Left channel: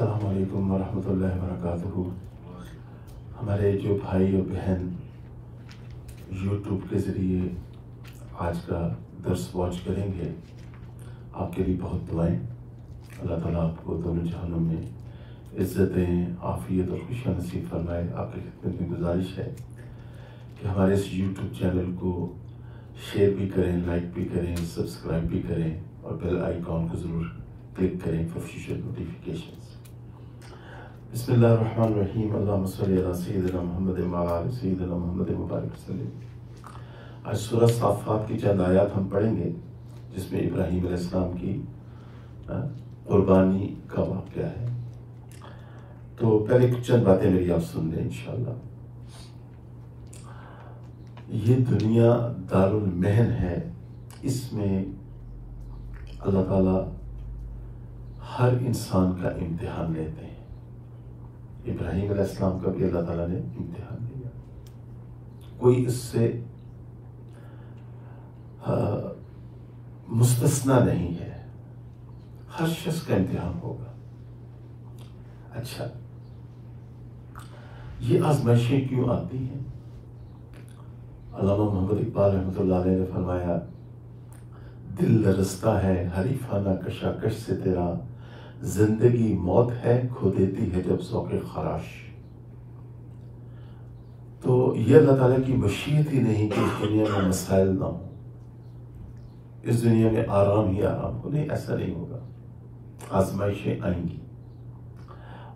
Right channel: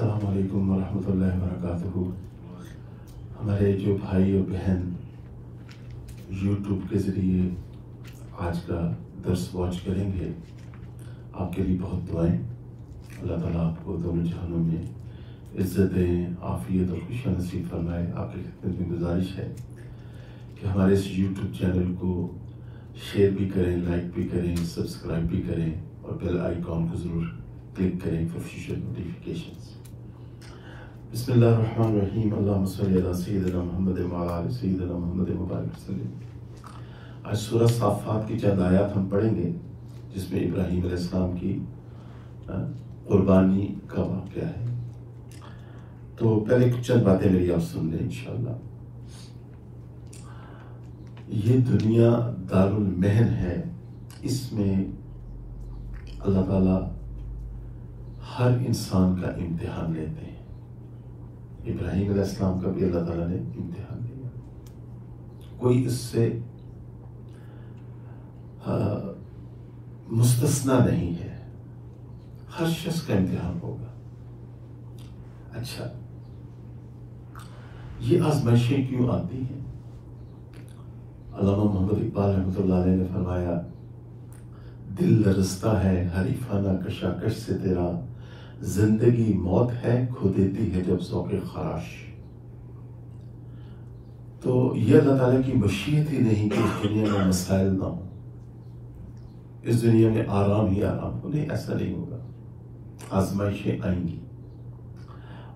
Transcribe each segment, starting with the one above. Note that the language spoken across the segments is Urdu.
السلام علیکم ورحمۃ اللہ وبرکاتہ۔ ہمارے جو بھائی اور بہن یوٹیوب کے ذریعے آج کا درس واچ کریں گے، آپ کے لیے بہت دعائیں۔ اللہ تعالیٰ آپ کو دونوں جہانوں میں عزتیں، عافیت اور خوشیاں نصیب فرمائے۔ آپ کی خدمت میں گزارش ہے کہ ہمارے اس یوٹیوب چینل کو شیئر بھی کریں، لائک بھی کریں، سبسکرائب بھی کریں اور بیل آئیکن کو ضرور کلک کریں فار فیوچر نوٹیفیکیشنز۔ بسم اللہ الرحمن الرحیم۔ اللہم صلی علی سیدنا محمد وعلی آل سیدنا محمد مبارک وسلم۔ آج سورہ صافات کی چند آیات ہم پڑھیں گے جس میں ابراہیم علیہ السلام کی قربانی کا واقعہ ہے۔ تو پہلے کچھ چند باتیں میری آپ سن لیں انشاءاللہ۔ یہ دنیا دارالمحن ہے، اس میں اللہ تعالیٰ ہر انسان کا امتحان لیتے ہیں۔ ابراہیم علیہ السلام کا بھی اللہ تعالیٰ نے امتحان لیا، کوئی اس سے مستثنا نہیں ہے، ہر شخص کا امتحان ہوگا۔ اچھا، یہ آزمائشیں کیوں آتی ہیں؟ علامہ محمد اقبال رحمۃ اللہ علیہ نے فرمایا، دل لرزتا ہے حریفانہ کشاکش سے تیرا، زندگی موت ہے کھو دیتی ہے جب ذوق خراش۔ تو یہ اللہ تعالیٰ کی مشیت ہی نہیں کہ اس دنیا میں مسائل نہ ہوں، اس دنیا میں آرام ہی آرام ہو، نہیں، ایسا نہیں ہوگا۔ آزمائشیں آئیں گی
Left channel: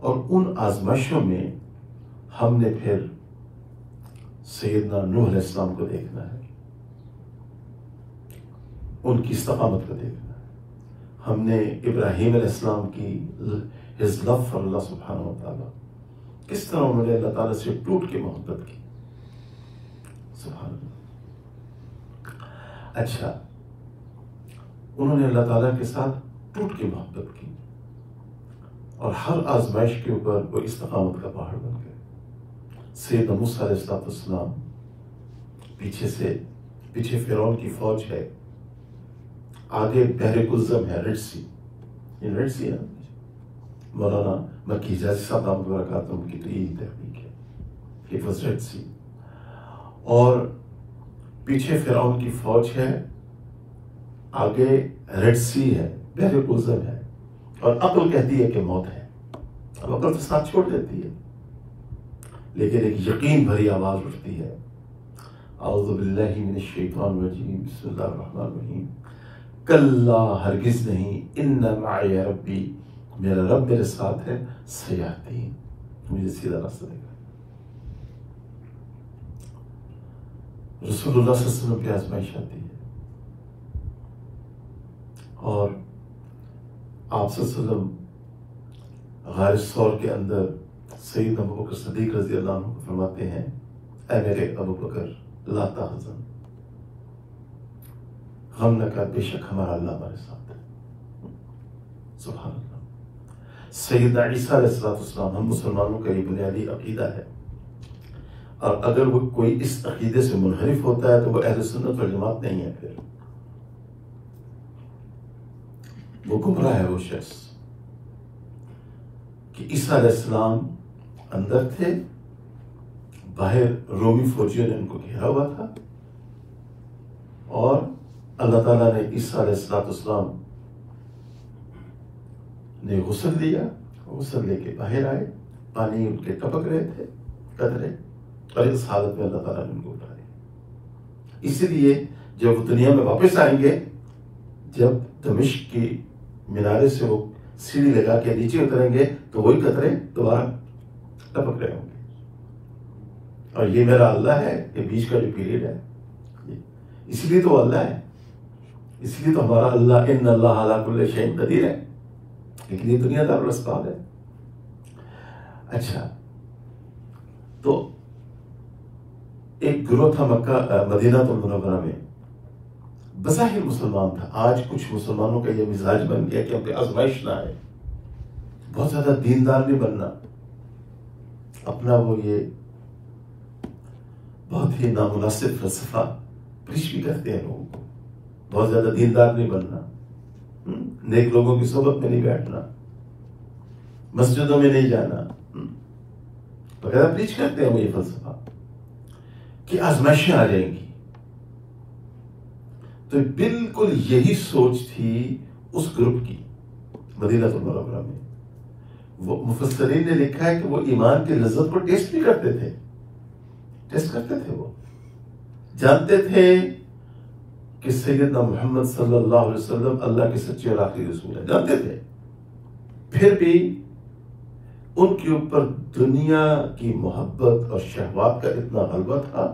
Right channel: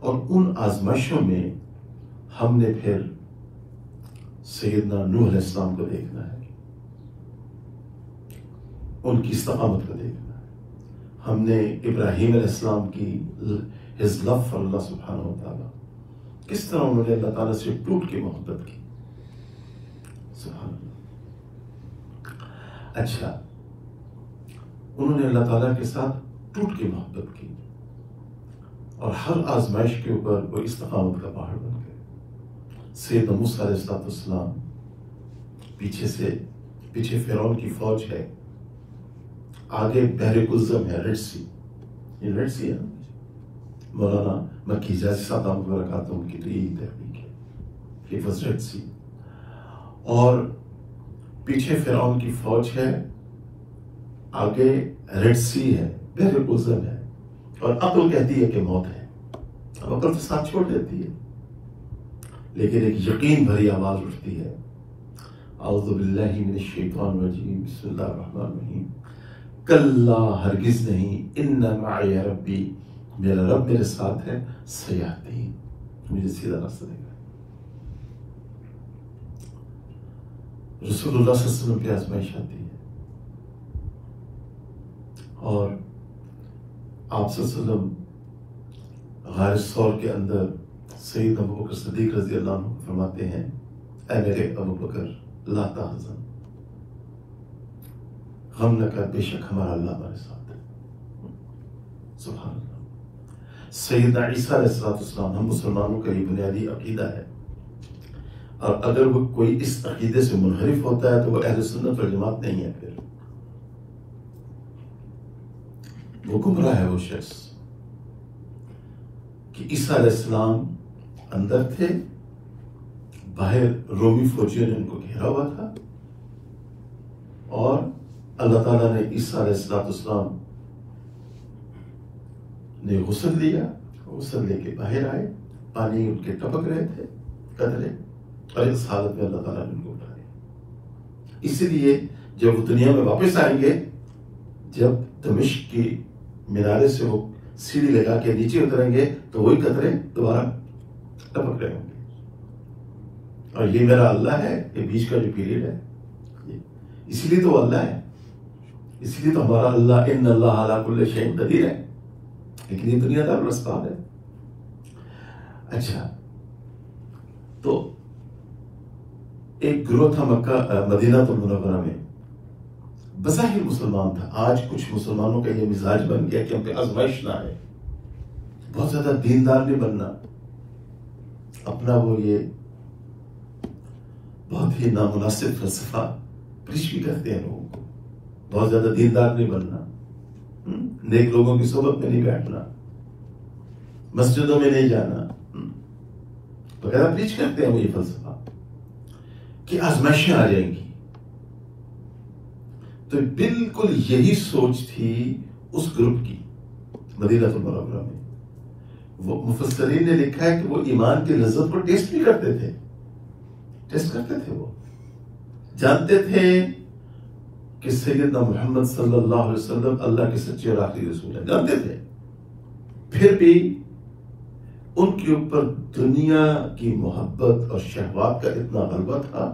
اور ان آزمائشوں میں ہم نے پھر سیدنا نوح علیہ السلام کو دیکھنا ہے، ان کی استقامت کو دیکھنا ہے۔ ہم نے ابراہیم علیہ السلام کی his love for اللہ سبحانہ وتعالی، کس طرح انہوں نے اللہ تعالیٰ سے ٹوٹ کے محبت کی، سبحان اللہ۔ اچھا، انہوں نے اللہ تعالیٰ کے ساتھ ٹوٹ کے محبت کی اور ہر آزمائش کے اوپر وہ استقامت کا پہاڑ بن گئے۔ سیدنا موسیٰ علیہ السلام پیچھے فرعون کی فوج ہے، آگے بحر کلزم ہے، ریڈ سی، یہ ریڈ سی ہے۔ مولانا مکی حجازی صاحب دامت برکاتہم کی تو یہی تحقیق ہے، it was ریڈ سی، اور پیچھے فرعون کی فوج ہے، آگے ریڈ سی ہے، بحر کلزم ہے، اور عقل کہتی ہے کہ موت ہے۔ اب عقل تو ساتھ چھوڑ دیتی ہے، لیکن ایک یقین بھری آواز اٹھتی ہے، اعوذ باللہ من الشیطان الرجیم، بسم اللہ الرحمن الرحیم، کلا ہرگز نہیں، ان معی ربی، میرا رب میرے ساتھ ہے، سیہدین، مجھے سیدھا راستہ دے گا۔ رسول اللہ صلی اللہ علیہ وسلم کی آزمائش آتی ہے اور آپ صلی اللہ علیہ وسلم غار ثور کے اندر سیدنا ابوبکر صدیق رضی اللہ عنہ فرماتے ہیں، اے میرے ابوبکر لا تحزن، غم نہ کر، بے شک ہمارا اللہ ہمارے ساتھ ہے۔ سبحان اللہ۔ سیدنا عیسیٰ علیہ السلام، ہم مسلمانوں کا یہ بنیادی عقیدہ ہے، اور اگر وہ کوئی اس عقیدے سے منحرف ہوتا ہے تو وہ اہل سنت والجماعت نہیں ہے، پھر وہ گمراہ ہے وہ شخص۔ کہ عیسیٰ علیہ السلام اندر تھے، باہر رومی فوجیوں نے ان کو گھیرا ہوا تھا، اور اللہ تعالیٰ نے عیسیٰ علیہ السلام نے غسل لیا، غسل لے کے باہر آئے، پانی ان کے ٹپک رہے تھے قطرے، اور اس حالت میں اللہ تعالیٰ نے ان کو اٹھایا۔ اسی لیے جب وہ دنیا میں واپس آئیں گے، جب دمشق کی مینارے سے وہ سیڑھی لگا کے نیچے اتریں گے تو وہی قطرے دوبارہ ٹپک رہے ہوں گے۔ اور یہ میرا اللہ ہے، یہ بیچ کا جو پیریڈ ہے، اس لیے تو اللہ ہے، اس لیے تو ہمارا اللہ ان اللہ علی کل شیء قدیر ہے، لیکن یہ دنیا دار الاسباب ہے۔ اچھا، تو ایک گروہ تھا مدینہ المنورہ میں، بظاہر مسلمان تھا۔ آج کچھ مسلمانوں کا یہ مزاج بن گیا کہ ہم پہ آزمائش نہ آئے، بہت زیادہ دیندار نہیں بننا، اپنا وہ یہ بہت ہی نامناسب فلسفہ پیش بھی کرتے ہیں لوگوں کو، بہت زیادہ دیندار نہیں بننا، نیک لوگوں کی صحبت میں نہیں بیٹھنا، مسجدوں میں نہیں جانا، وغیرہ پریچ کرتے ہیں وہ یہ فلسفہ کہ آزمائشیں آ جائیں گی. تو بالکل یہی سوچ تھی اس گروپ کی مدینہ المنورہ میں. وہ مفسرین نے لکھا ہے کہ وہ ایمان کی لذت کو ٹیسٹ بھی کرتے تھے، وہ جانتے تھے کہ سیدنا محمد صلی اللہ علیہ وسلم اللہ کے سچے اور آخری رسول ہیں، جانتے تھے. پھر بھی ان کے اوپر دنیا کی محبت اور شہوات کا اتنا غلبہ تھا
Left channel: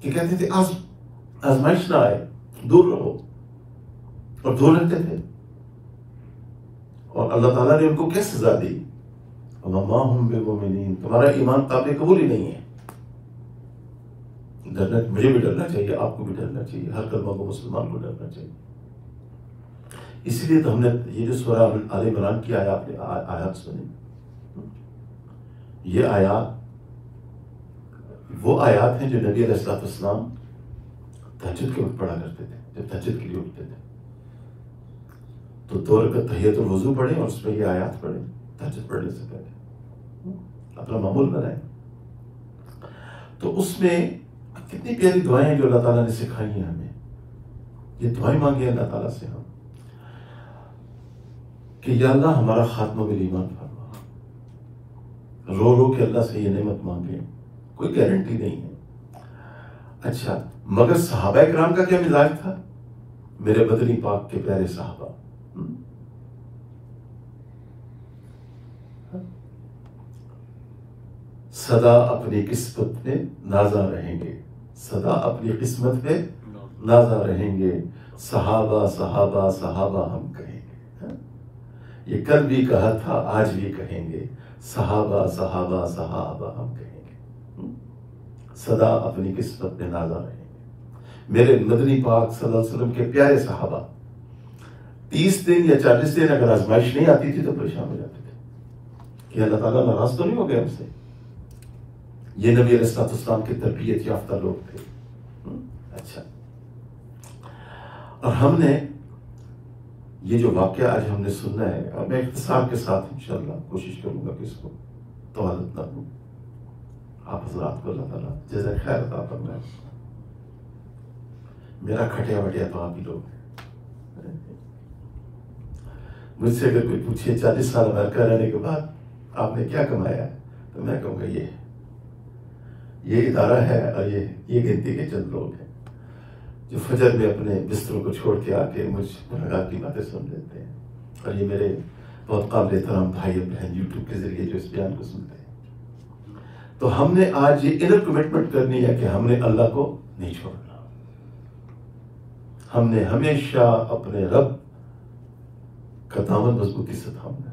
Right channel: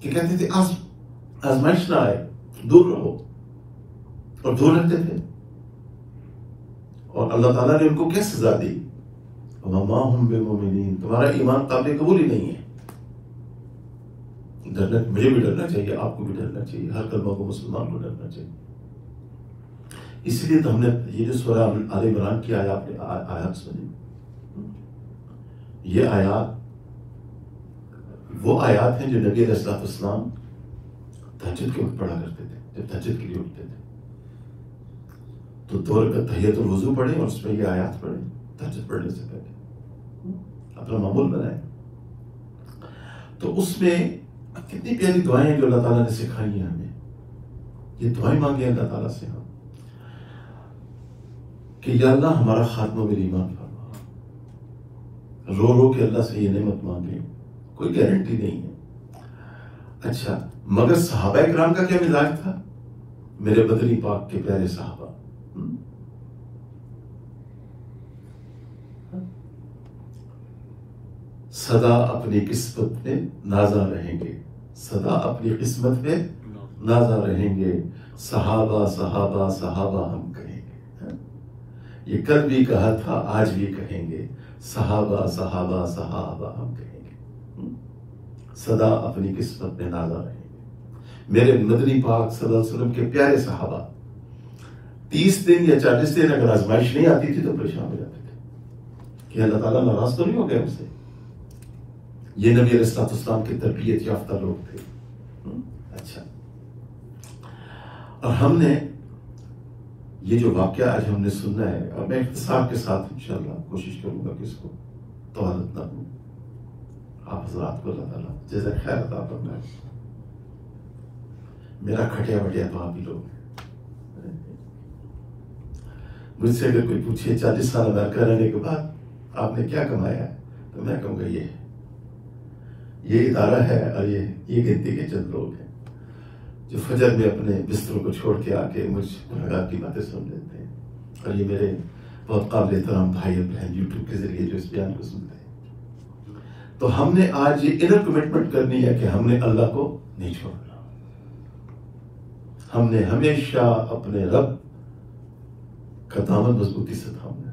کہ کہتے تھے آزمائش نہ آئے، دور رہو، اور دور رہتے تھے. اور اللہ تعالیٰ نے ان کو کیا سزا دی؟ وَمَا هُمْ بِمُؤْمِنِينَ، تمہارا ایمان قابل قبول ہی نہیں ہے. مجھے بھی ڈرنا چاہیے، آپ کو بھی ڈرنا چاہیے، ہر کلمہ کو مسلمان کو ڈرنا چاہیے. اسی لیے تو ہم نے یہ جو سورہ آل عمران کی آیات سنی، یہ آیات وہ آیات ہیں جو نبی علیہ السلام تہجد کے وقت پڑھا کرتے تھے. جب تہجد کے لیے اٹھتے تھے تو 2 رکعت تحیۃ الوضو پڑھے اور اس میں یہ آیات پڑھے تہجد پڑھنے سے پہلے، اپنا معمول بنائے. تو اس میں کتنی پیاری دعائیں ہیں جو اللہ تعالیٰ نے سکھائی ہیں ہمیں. یہ دعائیں مانگے اللہ تعالیٰ سے ہم کہ یا اللہ ہمارا خاتمہ بالایمان فرما. رو کے اللہ سے یہ نعمت مانگے، کوئی گارنٹی نہیں ہے. اچھا، مگر صحابہ کرام کا کیا مزاج تھا؟ میرے بدری پاک کے پیارے صحابہ سدا اپنی قسمت میں نازا رہیں گے، سدا اپنی قسمت میں نازا رہیں گے. صحابہ صحابہ صحابہ ہم کہیں گے. یہ کل بھی کہا تھا، آج بھی کہیں گے. صحابہ صحابہ صحابہ ہم کہیں گے. سدا اپنی قسمت میں نازا رہیں گے. میرے مدنی پاک صلی اللہ علیہ وسلم کے پیارے صحابہ 30 دن یا 40 دن اگر آزمائش نہیں آتی تھی تو پریشان ہو جاتے تھے کہ اللہ تعالیٰ ناراض تو نہیں ہو گیا ہم سے. یہ نبی علیہ السلام کی تربیت یافتہ لوگ تھے. اچھا، اور ہم نے یہ جو واقعہ آج ہم نے سننا ہے، اب میں اختصار کے ساتھ انشاءاللہ کوشش کروں گا کہ اس کو طوالت نہ ہوں. آپ حضرات کو اللہ تعالیٰ جزائے خیر عطا فرمائے. میرا کھٹیا وٹیا تو آپ ہی لوگ ہیں. مجھ سے اگر کوئی پوچھے 40 سال امریکہ رہنے کے بعد آپ نے کیا کمایا ہے، تو میں کہوں گا یہ ادارہ ہے اور یہ گنتی کے چند لوگ ہیں جو فجر میں اپنے بستروں کو چھوڑ کے آ کے مجھ گنہگار کی باتیں سن لیتے ہیں. اور یہ میرے بہت قابل احترام بھائی بہن یوٹیوب کے ذریعے جو اس بیان کو سنتے ہیں. تو ہم نے آج یہ انر کمٹمنٹ کرنی ہے کہ ہم نے اللہ کو نہیں چھوڑنا. ہم نے ہمیشہ اپنے رب کا دامن مضبوطی سے تھامنا.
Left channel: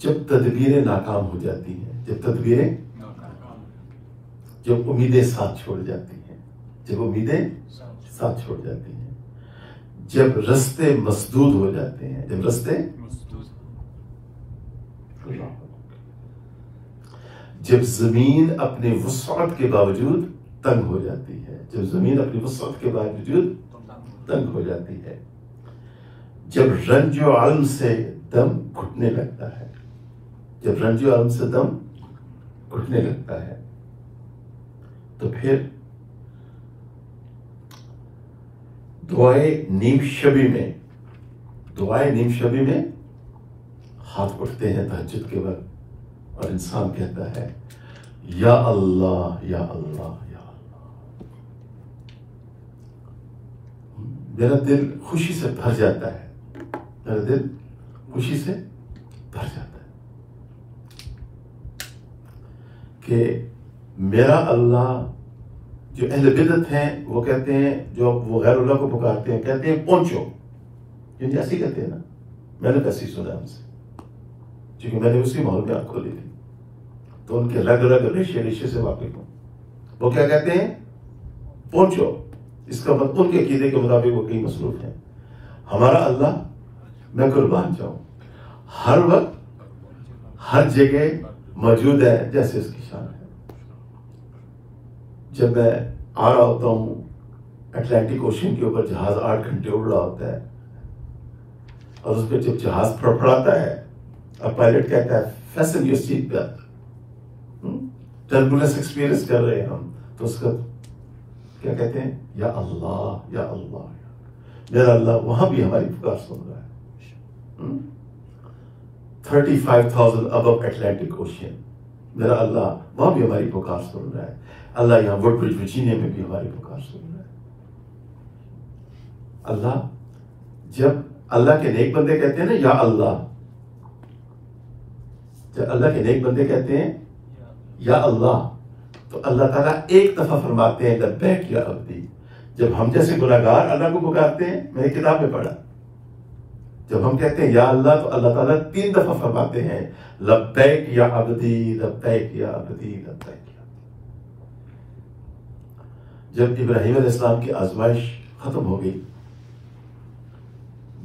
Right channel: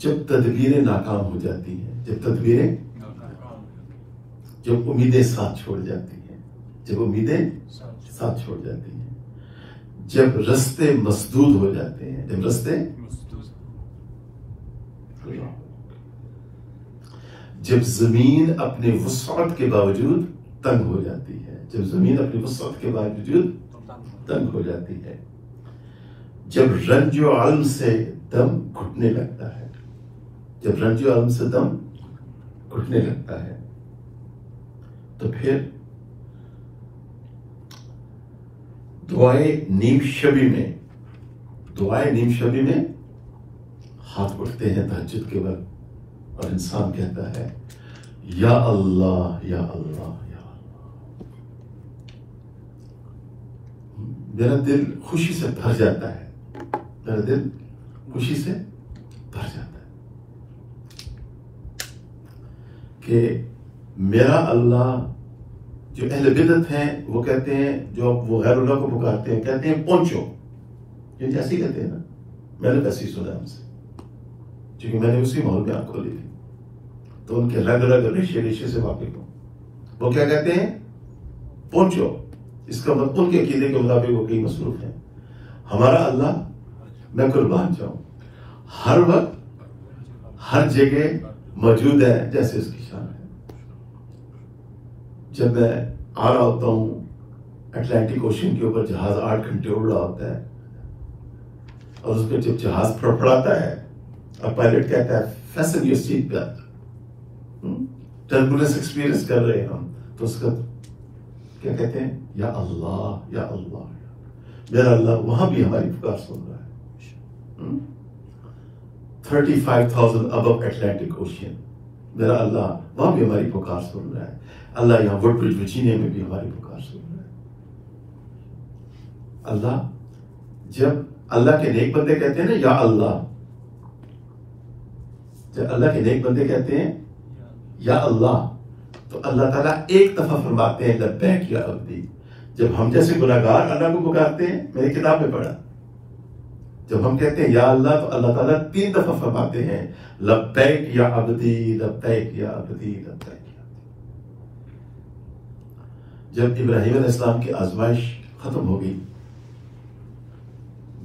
جب تدبیریں ناکام ہو جاتی ہیں، جب امیدیں ساتھ چھوڑ جاتی ہیں، جب رستے مسدود ہو جاتے ہیں، جب زمین اپنے وسعت کے باوجود تنگ ہو جاتی ہے، جب رنج و علم سے دم گھٹنے لگتا ہے، تو پھر دعائیں نیم شبی میں ہاتھ اٹھتے ہیں تہجد کے وقت، اور انسان کہتا ہے یا اللہ یا اللہ یا اللہ. میرا دل خوشی سے بھر جاتا ہے، کہ میرا اللہ. جو اہل بدعت ہیں وہ کہتے ہیں، جو وہ غیر اللہ کو پکارتے ہیں، کہتے ہیں پہنچو. یعنی ایسے کہتے ہیں نا، میں نے ویسے ہی سنا ہم سے، کیونکہ میں نے اسی ماحول میں آپ کھولی تھی تو ان کے رگ ریشے سے واقف ہوں. وہ کیا کہتے ہیں؟ پہنچو. اس کا مطلب ان کے عقیدے کے مطابق وہ کئی مصروف ہیں. ہمارا اللہ، میں قربان جاؤں، ہر وقت ہر جگہ موجود ہے جیسے اس کی شان ہے. جب میں آ رہا ہوتا ہوں اٹلانٹک اوشن کے اوپر جہاز 8 گھنٹے اڑ رہا ہوتا ہے، اور اس پہ جب جہاز پھڑپھڑاتا ہے اور پائلٹ کہتا ہے fashion your seat belt, turbulence experience کر رہے ہیں ہم، تو اس کا کیا کہتے ہیں؟ یا اللہ، یا اللہ، میرا اللہ وہاں بھی ہماری پکار سن رہا ہے۔ 35,000 ابو اٹلانٹک اوشن، میرا اللہ وہاں بھی ہماری پکار سن رہا ہے۔ اللہ یہاں وڈ برج ورجینیا میں بھی ہماری پکار سن رہا ہے۔ اللہ، جب اللہ کے نیک بندے کہتے ہیں نا یا اللہ، جب اللہ کے نیک بندے کہتے ہیں یا اللہ، تو اللہ تعالیٰ ایک دفعہ فرماتے ہیں لبیک یا عبدی۔ جب ہم جیسے گناہگار اللہ کو پکارتے ہیں، میں نے کتاب میں پڑھا، جب ہم کہتے ہیں یا اللہ تو اللہ تعالیٰ 3 دفعہ فرماتے ہیں لبیک یا عبدی، لبیک یا عبدی، لبیک۔ جب ابراہیم علیہ السلام کی آزمائش ختم ہو گئی،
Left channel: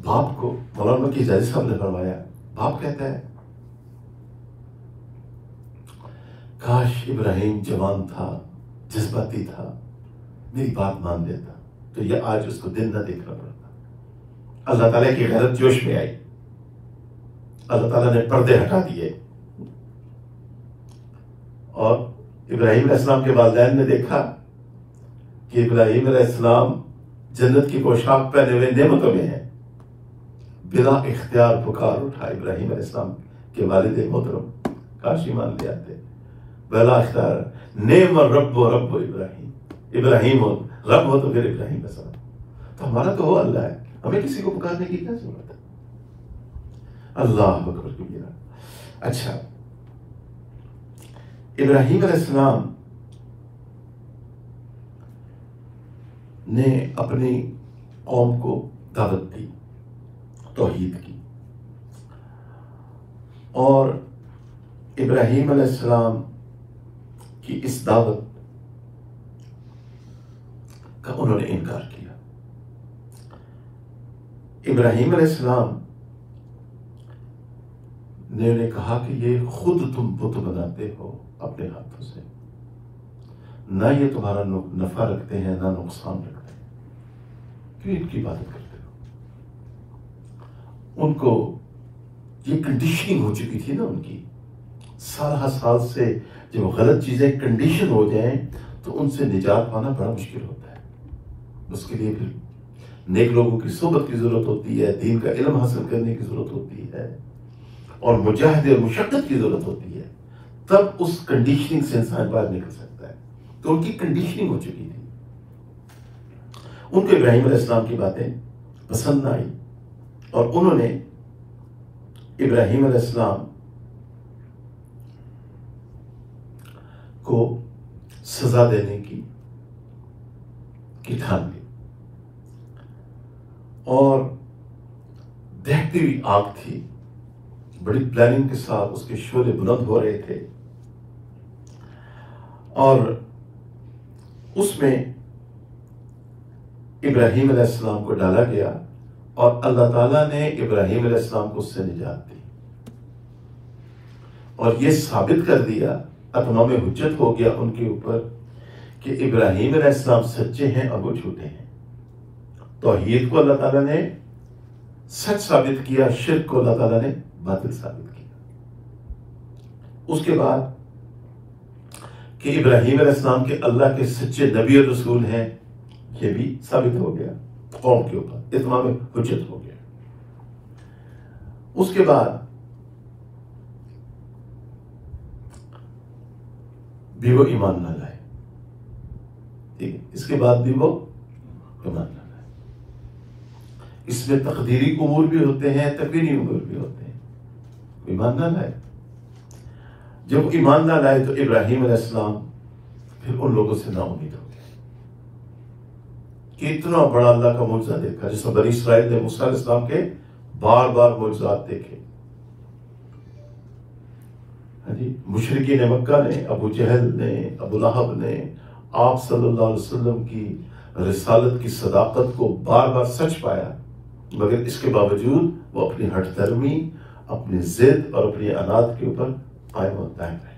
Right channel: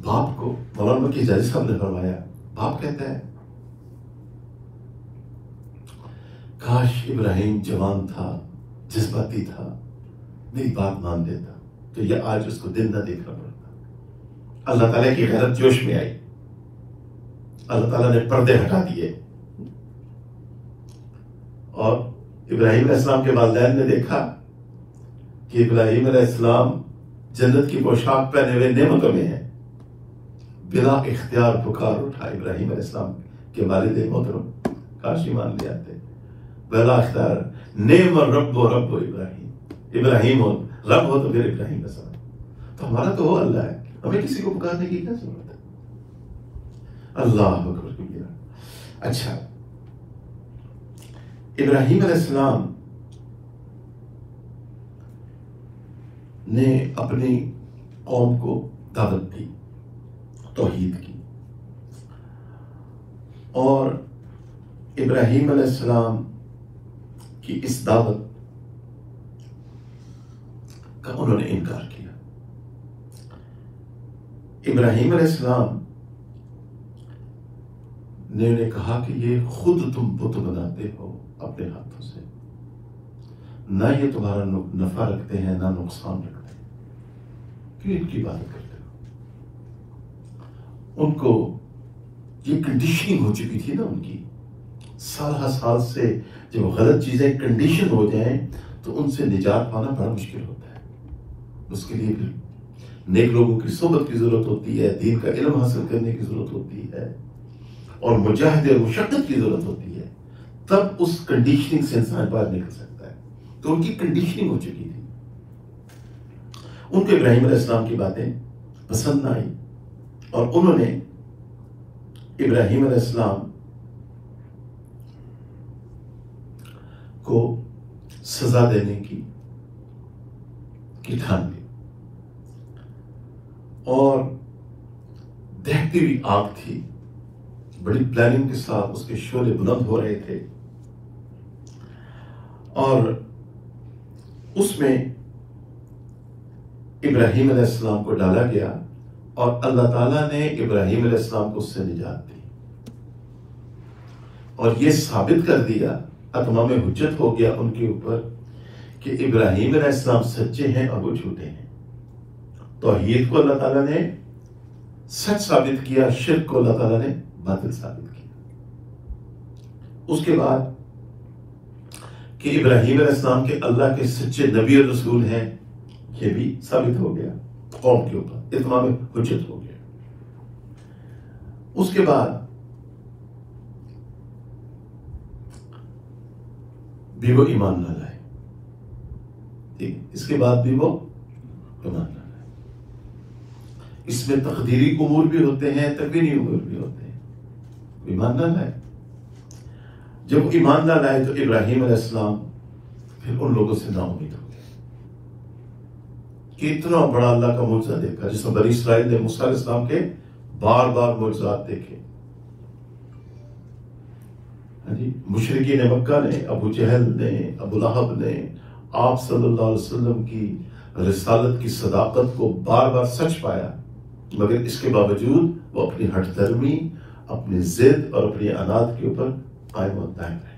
باپ کو مولانا کی جاجی صاحب نے فرمایا، باپ کہتا ہے کاش ابراہیم جوان تھا، جذباتی تھا، میری بات مان دیتا تو یہ آج اس کو دن نہ دیکھنا پڑتا۔ اللہ تعالیٰ کی غیرت جوش میں آئی، اللہ تعالیٰ نے پردے ہٹا دیے، اور ابراہیم علیہ السلام کے والدین نے دیکھا کہ ابراہیم علیہ السلام جنت کی پوشاک پہنے ہوئے نعمتوں میں ہیں، بلا اختیار پکار اٹھا ابراہیم علیہ السلام کے والد محترم، کاش ایمان لے آتے، بلا اختیار، نعم الرب و رب ابراہیم، ابراہیم ہو رب ہو تو پھر ابراہیم کا ساتھ، تو ہمارا تو وہ اللہ ہے، ہمیں کسی کو پکارنے کی کیا ضرورت ہے؟ اللہ اکبر کبیرہ۔ اچھا، ابراہیم علیہ السلام نے اپنی قوم کو دعوت دی توحید کی، اور ابراہیم علیہ السلام کی اس دعوت کا انہوں نے انکار کیا۔ ابراہیم علیہ السلام نے انہیں کہا کہ یہ خود تم بت بناتے ہو اپنے ہاتھوں سے، نہ یہ تمہارا نفع رکھتے ہیں نہ نقصان رکھتے ہیں، کیوں ان کی بات کرتے ہو؟ ان کو یہ کنڈیشننگ ہو چکی تھی نا ان کی، سال سے جب غلط چیزیں کنڈیشن ہو جائیں تو ان سے نجات پانا بڑا مشکل ہوتا ہے۔ اس کے لیے پھر نیک لوگوں کی صحبت کی ضرورت ہوتی ہے، دین کا علم حاصل کرنے کی ضرورت ہوتی ہے، اور مجاہدے اور مشقت کی ضرورت ہوتی ہے، تب اس کنڈیشننگ سے انسان باہر نکل سکتا ہے۔ تو ان کی کنڈیشننگ ہو چکی تھی، ان کو ابراہیم علیہ السلام کی باتیں پسند نہ آئی، اور انہوں نے ابراہیم علیہ السلام کو سزا دینے کی ٹھان لی، اور دہتی ہوئی آگ تھی، بڑی پلاننگ کے ساتھ اس کے شعلے بلند ہو رہے تھے، اور اس میں ابراہیم علیہ السلام کو ڈالا گیا، اور اللہ تعالیٰ نے ابراہیم علیہ السلام کو اس سے نجات دی، اور یہ ثابت کر دیا، اتمام حجت ہو گیا ان کے اوپر کہ ابراہیم علیہ السلام سچے ہیں اور وہ جھوٹے ہیں۔ توحید کو اللہ تعالیٰ نے سچ ثابت کیا، شرک کو اللہ تعالیٰ نے باطل ثابت کیا۔ اس کے بعد کہ ابراہیم علیہ السلام کے اللہ کے سچے نبی اور رسول ہیں، یہ بھی ثابت ہو گیا قوم کے اوپر، اتمام حجت ہو گیا۔ اس کے بعد بھی وہ ایمان نہ لائے، ٹھیک، اس کے بعد بھی وہ ایمان نہ لائے۔ اس میں تقدیری امور بھی ہوتے ہیں، تکوینی امور بھی ہوتے ہیں، ایمان نہ لائے۔ جب ایمان نہ لائے تو ابراہیم علیہ السلام پھر ان لوگوں سے نا امید ہو گئے کہ اتنا بڑا اللہ کا معجزہ دیکھا، جیسے بنی اسرائیل نے موسیٰ علیہ السلام کے بار بار معجزات دیکھے۔ مشرکین مکہ نے، ابو جہل نے، ابو لہب نے آپ صلی اللہ علیہ وسلم کی رسالت کی صداقت کو بار بار سچ پایا، مگر اس کے باوجود وہ اپنی ہٹ دھرمی، اپنی ضد اور اپنی عناد کے اوپر قائم و دائم رہے۔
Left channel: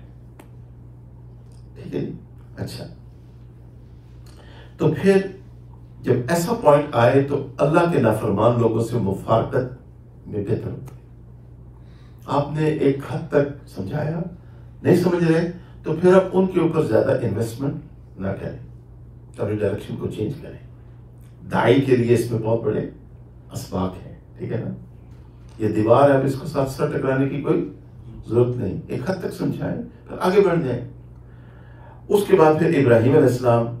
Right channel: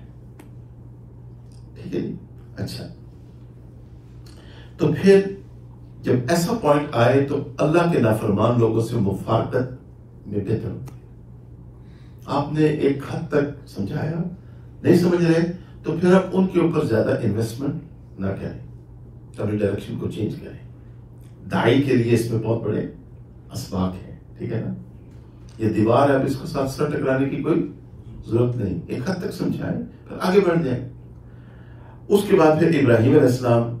ٹھیک ہے، اچھا، تو پھر جب ایسا پوائنٹ آئے تو اللہ کے نافرمان لوگوں سے مفارقت میں بہتر ہوتی ہے۔ آپ نے ایک حد تک سمجھایا، نہیں سمجھ رہے تو پھر آپ ان کے اوپر زیادہ انویسٹمنٹ نہ کریں، اپنی ڈائریکشن کو چینج کریں۔ دائی کے لیے اس میں بہت بڑے اسباق ہیں، ٹھیک ہے نا؟ یہ دیوار ہے، اب اس کو ساتھ ساتھ ٹکرانے کی کوئی ضرورت نہیں، ایک حد تک سمجھائیں پھر آگے بڑھ جائیں۔ اس کے بعد پھر ابراہیم علیہ السلام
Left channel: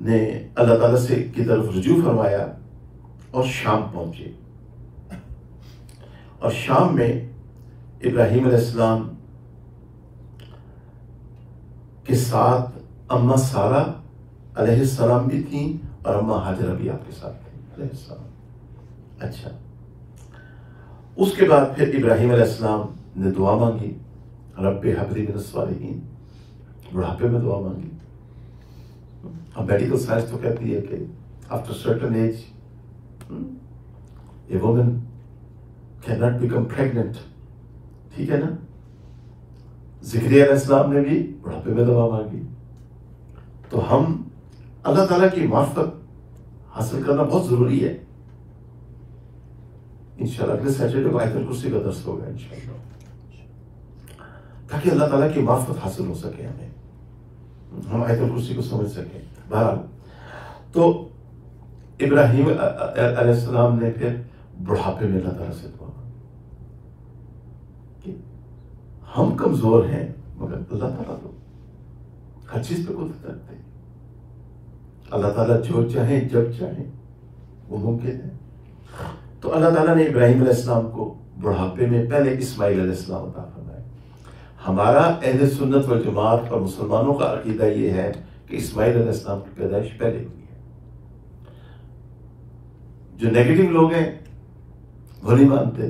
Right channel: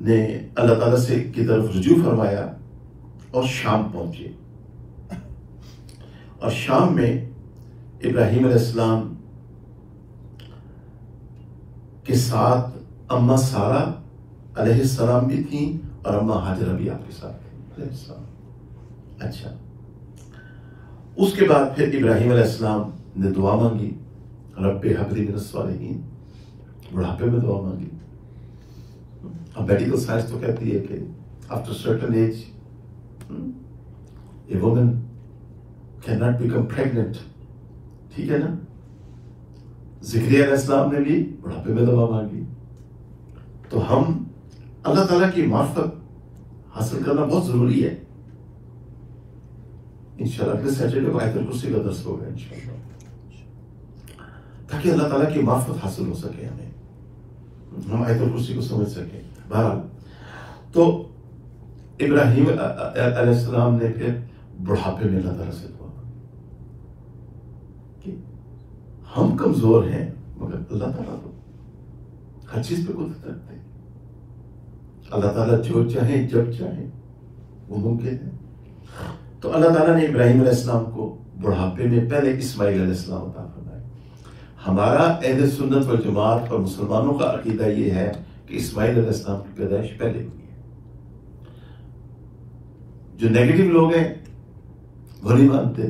نے اللہ تعالیٰ سے کی طرف رجوع فرمایا اور شام پہنچے، اور شام میں ابراہیم علیہ السلام کے ساتھ اماں سارہ علیہ السلام بھی تھیں اور اماں ہاجرہ بھی آپ کے ساتھ تھیں علیہ السلام۔ اچھا، اس کے بعد پھر ابراہیم علیہ السلام نے دعا مانگی، رب ہب لی من الصالحین، بڑھاپے میں دعا مانگی۔ اب میڈیکل سائنس تو کہتی ہے کہ after certain age a woman can not become pregnant, ٹھیک ہے نا؟ زکریا علیہ السلام نے بھی بڑھاپے میں دعا مانگی۔ تو ہم اللہ تعالیٰ کی معرفت حاصل کرنا بہت ضروری ہے۔ انشاءاللہ اگلے سیٹرڈے کو آیت الکرسی کا درس ہوگا انشاءاللہ، تاکہ اللہ تعالیٰ کی معرفت حاصل ہو سکے، ہم آیت الکرسی کو سمجھ سکیں۔ بہرحال تو ابراہیم علیہ السلام نے پھر بڑھاپے میں اللہ تعالیٰ سے دعا کہ ہم کمزور ہیں مگر اللہ تعالیٰ تو ہر چیز پہ قدرت رکھتے ہیں، اللہ تعالیٰ جو چاہیں جب چاہیں وہ ممکن ہے۔ تو اللہ تعالیٰ نے ابراہیم علیہ السلام کو بڑھاپے میں پہلے اسماعیل علیہ السلام عطا فرمایا۔ ہمارا اہل سنت والجماعت اور مسلمانوں کا عقیدہ یہ ہے کہ اسماعیل علیہ السلام کی پیدائش پہلے ہوئی ہے۔ جو نیگیٹو لوگ ہیں وہ نہیں مانتے،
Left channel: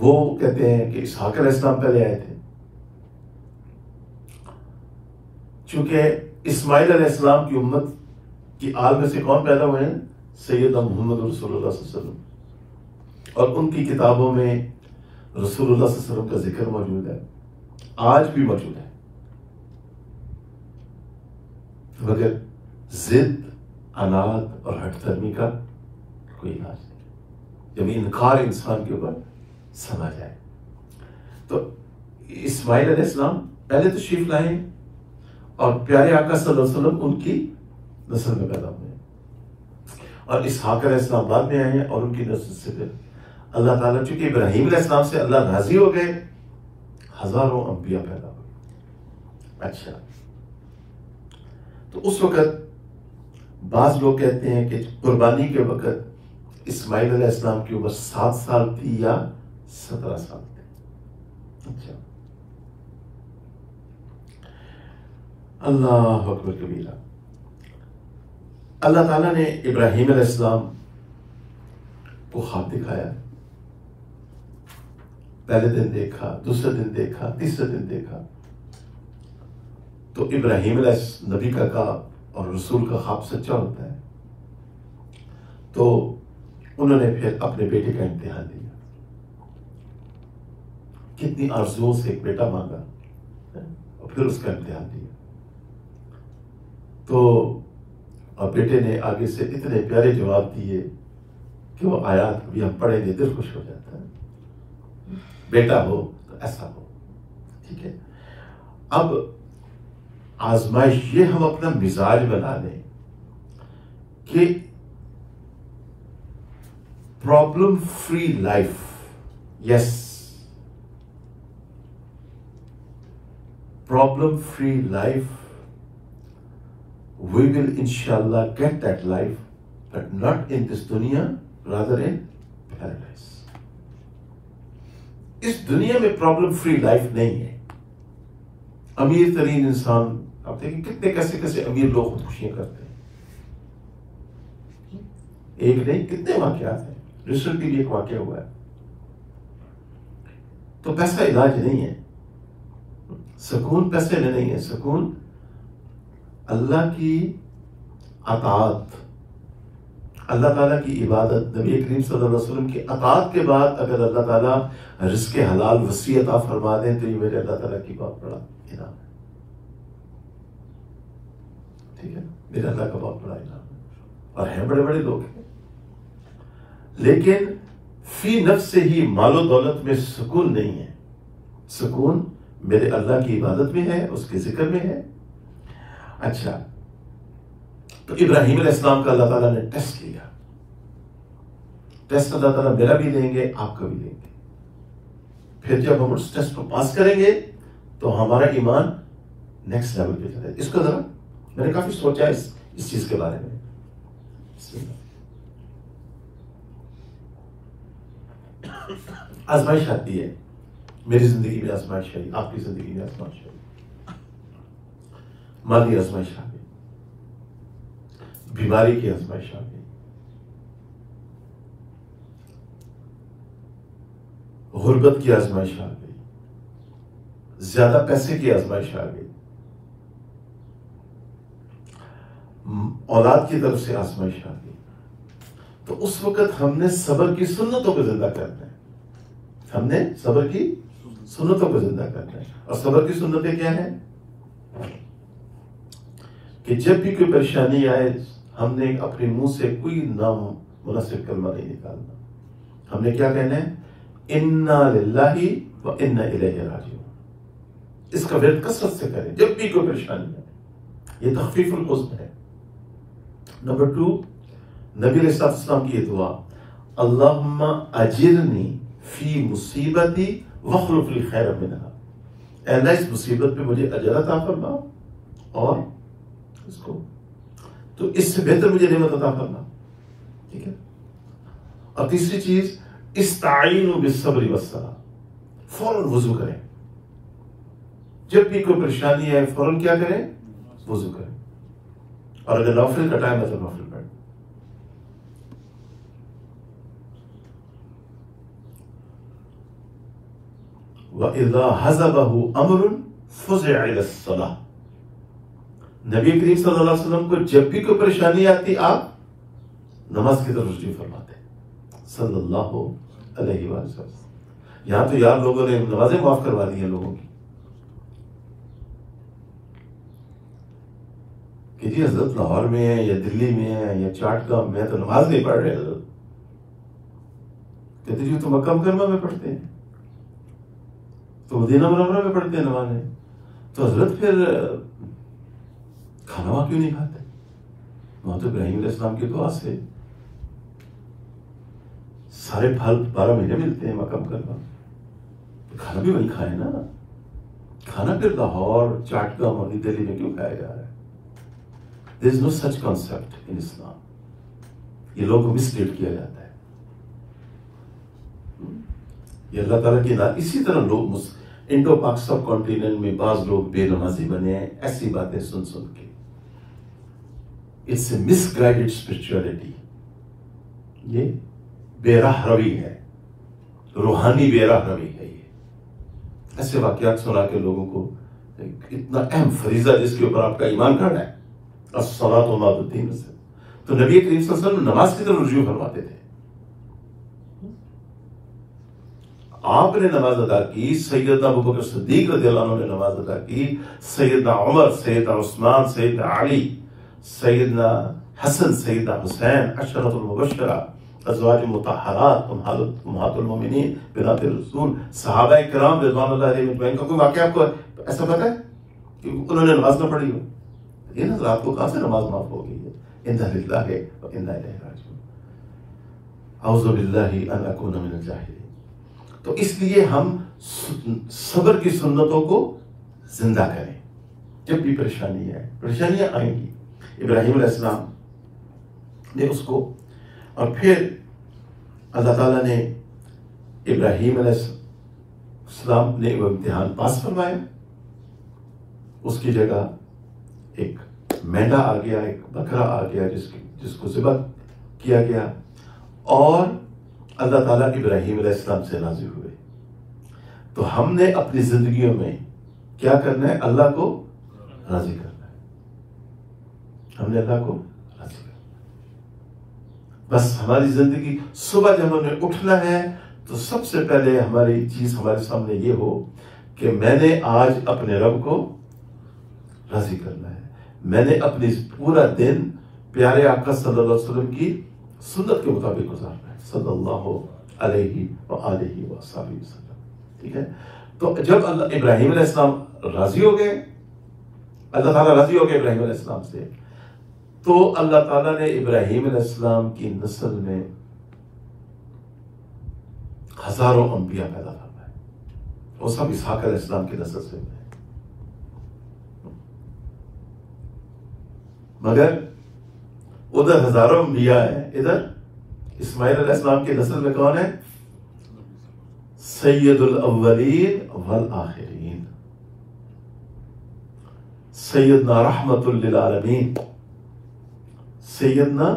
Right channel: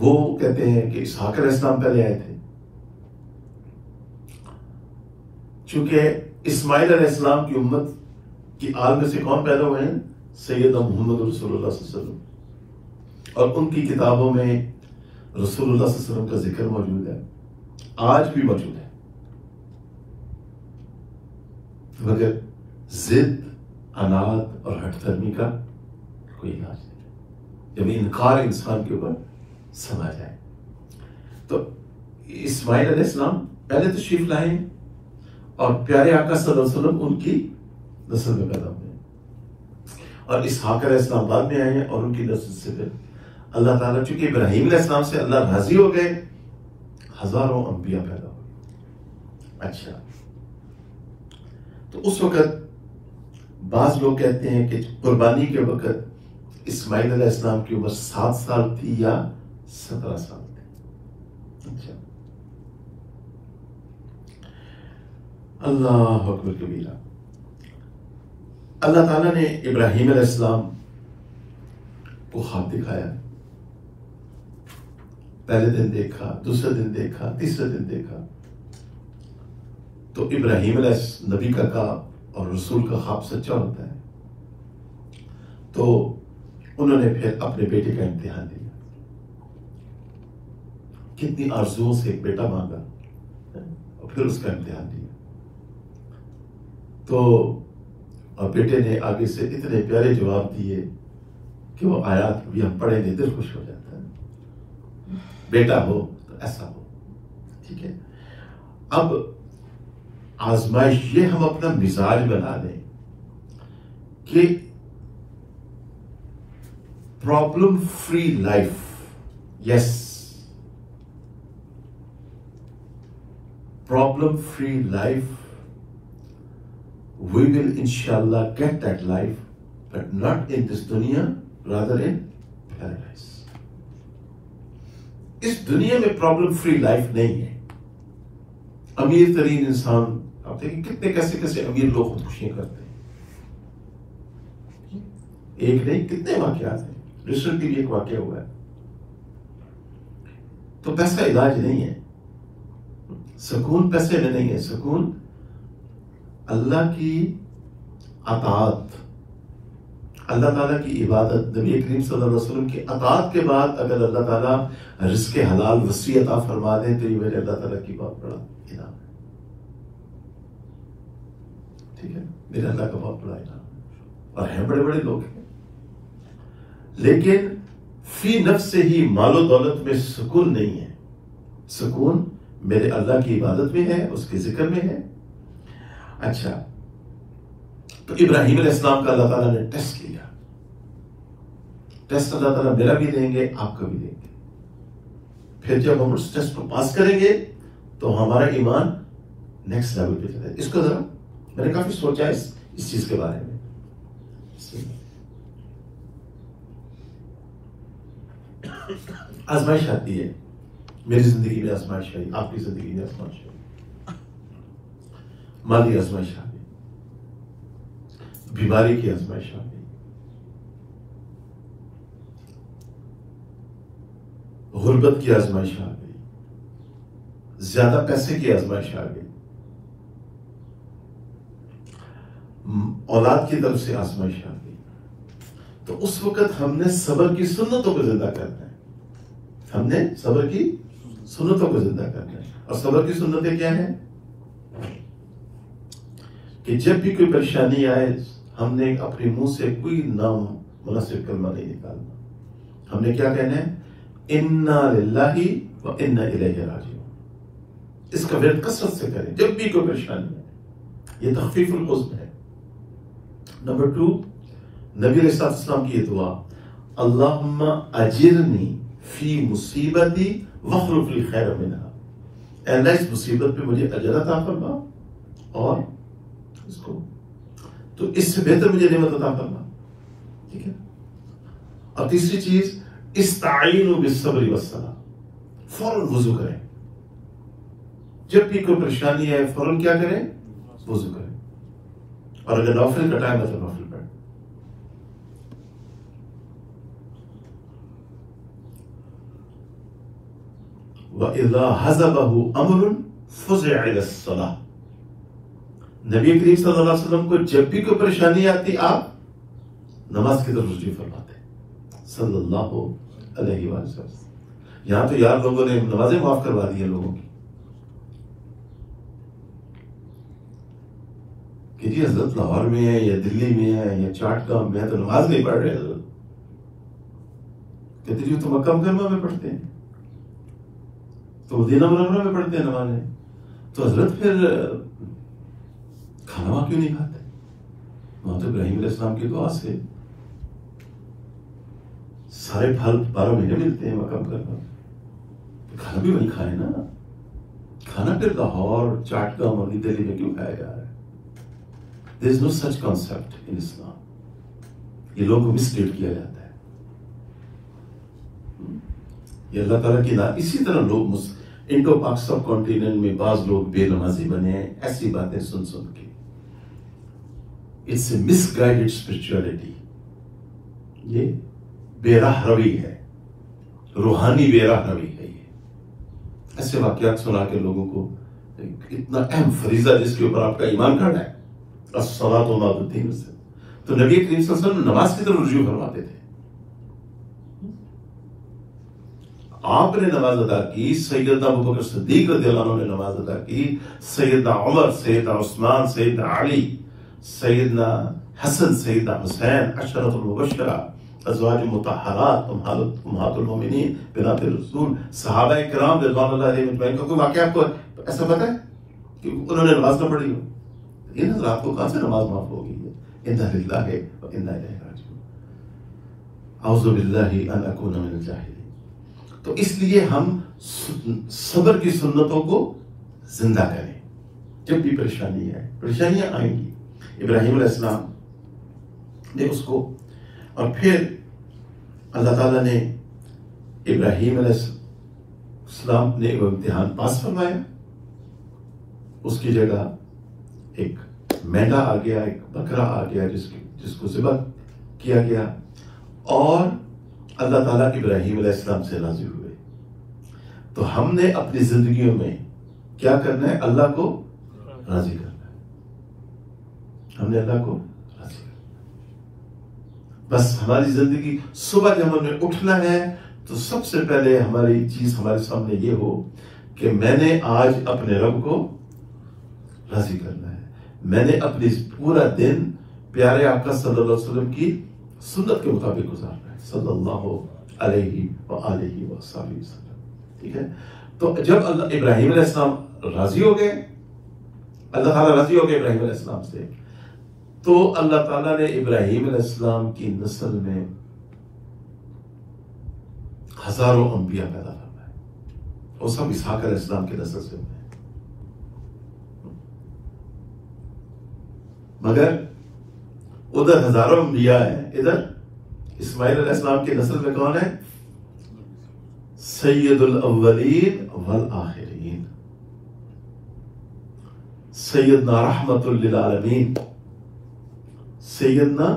وہ کہتے ہیں کہ اسحاق علیہ السلام پہلے آئے تھے۔ چونکہ اسماعیل علیہ السلام کی امت کی آل میں سے کون پیدا ہوئے ہیں؟ سیدنا محمد رسول اللہ صلی اللہ علیہ وسلم، اور ان کی کتابوں میں رسول اللہ صلی اللہ علیہ وسلم کا ذکر موجود ہے، آج بھی موجود ہے۔ مگر ضد، عناد اور ہٹ دھرمی کا کوئی علاج نہیں، جب انکار انسان کے اوپر سما جائے۔ تو اسماعیل علیہ السلام پہلے تشریف لائے اور پیارے آقا صلی اللہ علیہ وسلم ان کی نسل میں پیدا ہوئے، اور اسحاق علیہ السلام بعد میں آئے ہیں، اور ان کی نسل سے پھر اللہ تعالیٰ، چونکہ ابراہیم علیہ السلام سے اللہ راضی ہو گئے، ہزاروں انبیاء پیدا ہوئے۔ اچھا، تو اس وقت بعض لوگ کہتے ہیں کہ قربانی کے وقت اسماعیل علیہ السلام کی عمر 7 سال تھی یا 17 سال تھی۔ اچھا، اللہ اکبر کبیرہ۔ اللہ تعالیٰ نے ابراہیم علیہ السلام کو خواب دکھایا، پہلے دن دیکھا، دوسرے دن دیکھا، تیسرے دن دیکھا۔ تو ابراہیم علیہ نبی کا اور رسول کا خواب سچا ہوتا ہے، تو انہوں نے پھر اپنے بیٹے کا امتحان دیا۔ کتنی آرزوؤں سے ایک بیٹا مانگا اور پھر اس کا امتحان دیا۔ تو اور بیٹے نے آگے سے اتنے پیارے جواب دیے کہ وہ آیات بھی ہم پڑھیں گے دل خوش ہو جاتا ہے، بیٹا ہو تو ایسا ہو، ٹھیک ہے۔ اب آزمائش، یہ ہم اپنا مزاج بنا لیں کہ problem free life, yes, problem free life, we will inshallah get that life, but not in this dunya, rather in paradise. اس دنیا میں پرابلم فری لائف نہیں ہے۔ امیر ترین انسان، آپ دیکھیں کتنے کیسے کیسے امیر لوگ خودکشیاں کرتے ہیں، ایک نہیں کتنے واقعات ہیں، ریسنٹلی بھی ایک واقعہ ہوا ہے۔ تو پیسہ علاج نہیں ہے، سکون پیسے میں نہیں ہے، سکون اللہ کی اطاعت، اللہ تعالیٰ کی عبادت، نبی کریم صلی اللہ علیہ وسلم کی اطاعت کے بعد اگر اللہ تعالیٰ رزق حلال وسیع عطا فرما دے تو یہ میرے اللہ تعالیٰ کی بہت بڑا انعام ہے۔ ٹھیک ہے، میرے اللہ کا بہت بڑا انعام اور ہیں بڑے بڑے لوگ ہیں، لیکن فی نفس سے ہی مال و دولت میں سکون نہیں ہے. سکون میرے اللہ کی عبادت میں ہے، اس کے ذکر میں ہے. اچھا، تو ابراہیم علیہ السلام کا اللہ تعالیٰ نے ٹیسٹ لیا. ٹیسٹ اللہ تعالیٰ میرا بھی لیں گے، آپ کا بھی لیں گے. پھر جب ہم اس ٹیسٹ کو پاس کریں گے تو ہمارا ایمان نیکسٹ لیول پہ چلے. اس کو ذرا میں نے کافی سوچا اس چیز کے بارے میں. آزمائش آتی ہے، میری زندگی میں آزمائش آئی، آپ کی زندگی میں آزمائش آئی. مالی آزمائش آ گئی، بیماری کی آزمائش آ گئی، غربت کی آزمائش آ گئی، زیادہ پیسے کی آزمائش آ گئی، اولاد کی طرف سے آزمائش آ گئی. تو اس وقت ہم نے صبر کی سنتوں کو زندہ کرنا ہے. ہم نے صبر کی سنتوں کو زندہ کرنا ہے. اور صبر کی سنتیں کیا ہیں؟ کہ جب بھی کوئی پریشانی آئے ہم نے اپنے منہ سے کوئی نامناسب کلمہ نہیں نکالنا. ہم نے کیا کہنا ہے؟ انا للہ و انا الیہ راجعون. اس کا ورد کثرت سے کریں جب بھی کوئی پریشانی ہے. یہ تخفیف الحزن ہے. نمبر 2، نبی علیہ السلام کی یہ دعا، اللہم اجرنی فی مصیبتی واخلف لی خیر منہا. اے اللہ اس مصیبت پہ مجھے اجر عطا فرما اور اس کو تو اس سے بہتر مجھے نعمت عطا فرما. ٹھیک ہے. اور تیسری چیز، استعینوا بالصبر والصلاۃ. فوراً وضو کریں. جب بھی کوئی پریشانی آئے فوراً کیا کریں؟ وضو کریں. اور اگر نوفل کا ٹائم ہے تو نوفل پڑھیں. وَإِذَا حَزَبَهُ أَمْرٌ فُزِعَ إِلَى الصَّلَاةِ. نبی کریم صلی اللہ علیہ وسلم کو جب بھی کوئی پریشانی آتی آپ نماز کی طرف رجوع فرماتے صلی اللہ علیہ وسلم. یہاں تو یار لوگوں نے نمازیں معاف کروا دی ہیں لوگوں کی کہ جی حضرت لاہور میں ہے یا دلی میں ہے یا چاٹ گاؤں میں ہے تو نماز نہیں پڑھ رہے حضرت. کہتے جی تو مکہ مکرمہ میں پڑھتے ہیں، تو مدینہ منورہ میں پڑھتے ہیں نمازیں، تو حضرت پھر کھانا وہاں کیوں نہیں کھاتے؟ وہاں تو ابراہیم علیہ السلام کی دعا سے سارے پھل 12 مہینے ملتے ہیں مکہ مکرمہ. کھانا بھی وہیں کھائے نا. کھانا پھر لاہور چاٹ گاؤں اور دلی میں کیوں کھایا جا رہا ہے؟ There is no such concept in Islam. یہ لوگوں کو مسلیڈ کیا جاتا ہے. یہ اللہ تعالیٰ کی نام. اسی طرح لوگ انڈو پاک سب کانٹیننٹ میں بعض لوگ بے نمازی بنے ہیں ایسی باتیں سن سن کے. It's a misguided spirituality. یہ بے راہ روی ہے، روحانی بے راہ روی ہے. یہ ایسے واقعات سنا کے لوگوں کو اتنا اہم فریضہ جس کے اوپر آپ کا ایمان کھڑا ہے الصلاۃ وما الدین سے، تو نبی کریم صلی اللہ علیہ وسلم نماز کی طرف رجوع فرماتے تھے. آپ نے نماز ادا کی، سیدنا ابوبکر صدیق رضی اللہ عنہ نے نماز ادا کی، سیدنا عمر، سیدنا عثمان، سیدنا علی، سیدنا حسن، سیدنا حسین، عشرۃ المبشرہ، ازواج مطہرات، امہات المومنین، بنات الرسول، صحابہ کرام رضوان اللہ علیہم اجمعین. کوئی واقعہ آپ کو ایسا پتہ ہے کہ انہوں نے نماز نہ پڑھی ہو؟ یہ حضرات کو کہاں سے نماز معاف ہو گئی ہے؟ انا للہ و انا الیہ راجعون. اعوذ باللہ ان اکون من الجاہلین. تو اس لیے ہم صبر کی سنتوں کو زندہ کریں. جب بھی پریشانی ہے، پریشانیاں آئیں گی. ابراہیم علیہ السلام نے اس کو، اور پھر اللہ تعالیٰ نے ابراہیم علیہ السلام نے وہ امتحان پاس فرمایا. اس کی جگہ ایک مینڈا آ گیا، ایک بکرا آ گیا جس کو ذبح کیا گیا، اور اللہ تعالیٰ ابراہیم علیہ السلام سے راضی ہوئے. تو ہم نے اپنی زندگیوں میں کیا کرنا ہے؟ اللہ کو راضی کرنا ہے. ہم نے اللہ کو راضی کرنا ہے. بس ہماری زندگی، صبح جب ہمیں اٹھنا ہے تو سب سے پہلے ہماری چیز ہمارے سامنے یہ ہو کہ میں نے آج اپنے رب کو راضی کرنا ہے. میں نے اپنی پورا دن پیارے آقا صلی اللہ علیہ وسلم کی سنت کے مطابق گزارنا ہے، صلی اللہ علیہ وآلہ وسلم، ٹھیک ہے؟ تو جب اللہ ابراہیم علیہ السلام راضی ہو گئے، اللہ تعالیٰ راضی ہو گئے ابراہیم علیہ السلام سے، تو اللہ تعالیٰ نے ابراہیم علیہ السلام کی نسل میں ہزاروں انبیاء پیدا فرمائے، وہ سب اسحاق علیہ السلام کی نسل سے ہوئے، مگر ادھر ہزاروں انبیاء ہیں، ادھر اسماعیل علیہ السلام کی نسل میں کون ہے؟ سید الاولین والآخرین، سیدنا رحمت للعالمین، سیدنا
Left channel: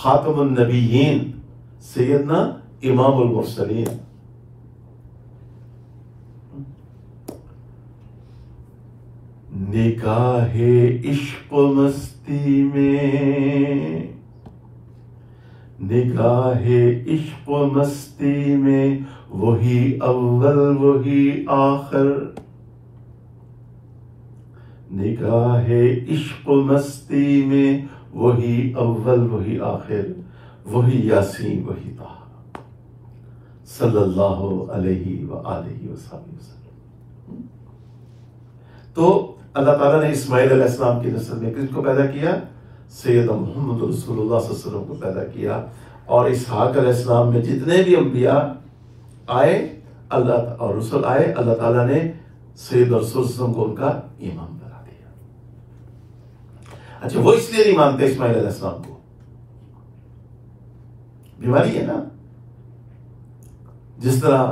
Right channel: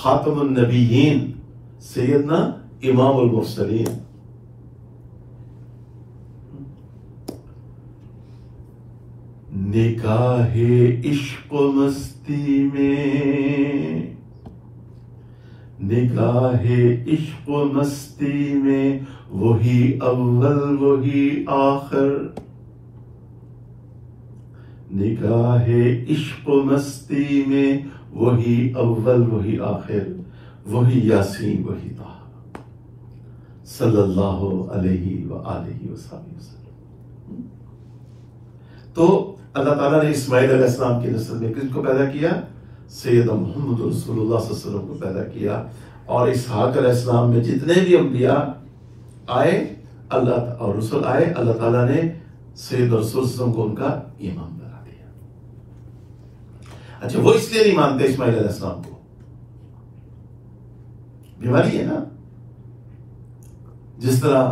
خاتم النبیین، سیدنا امام المرسلین۔ نکاح عشق و مستی میں، نگاہ عشق و مستی میں وہی اول وہی آخر، نگاہ عشق و مستی میں وہی اول وہی آخر، وہی یاسین وہی طہ، صلی اللہ علیہ وآلہ وسلم۔ تو اللہ تعالیٰ نے اسماعیل علیہ السلام کی نسل میں کس کو پیدا کیا؟ سیدنا محمد رسول اللہ صلی اللہ علیہ وسلم کو پیدا کیا، اور اسحاق علیہ السلام میں جتنے بھی انبیاء آئے اللہ اور رسول آئے، اللہ تعالیٰ نے سیدنا رسول صلی اللہ علیہ وسلم کو ان کا امام بنا دیا۔ اچھا، وہ اس لیے نہیں مانتے اسماعیل علیہ السلام کو، بیماری ہے نا، جس طرح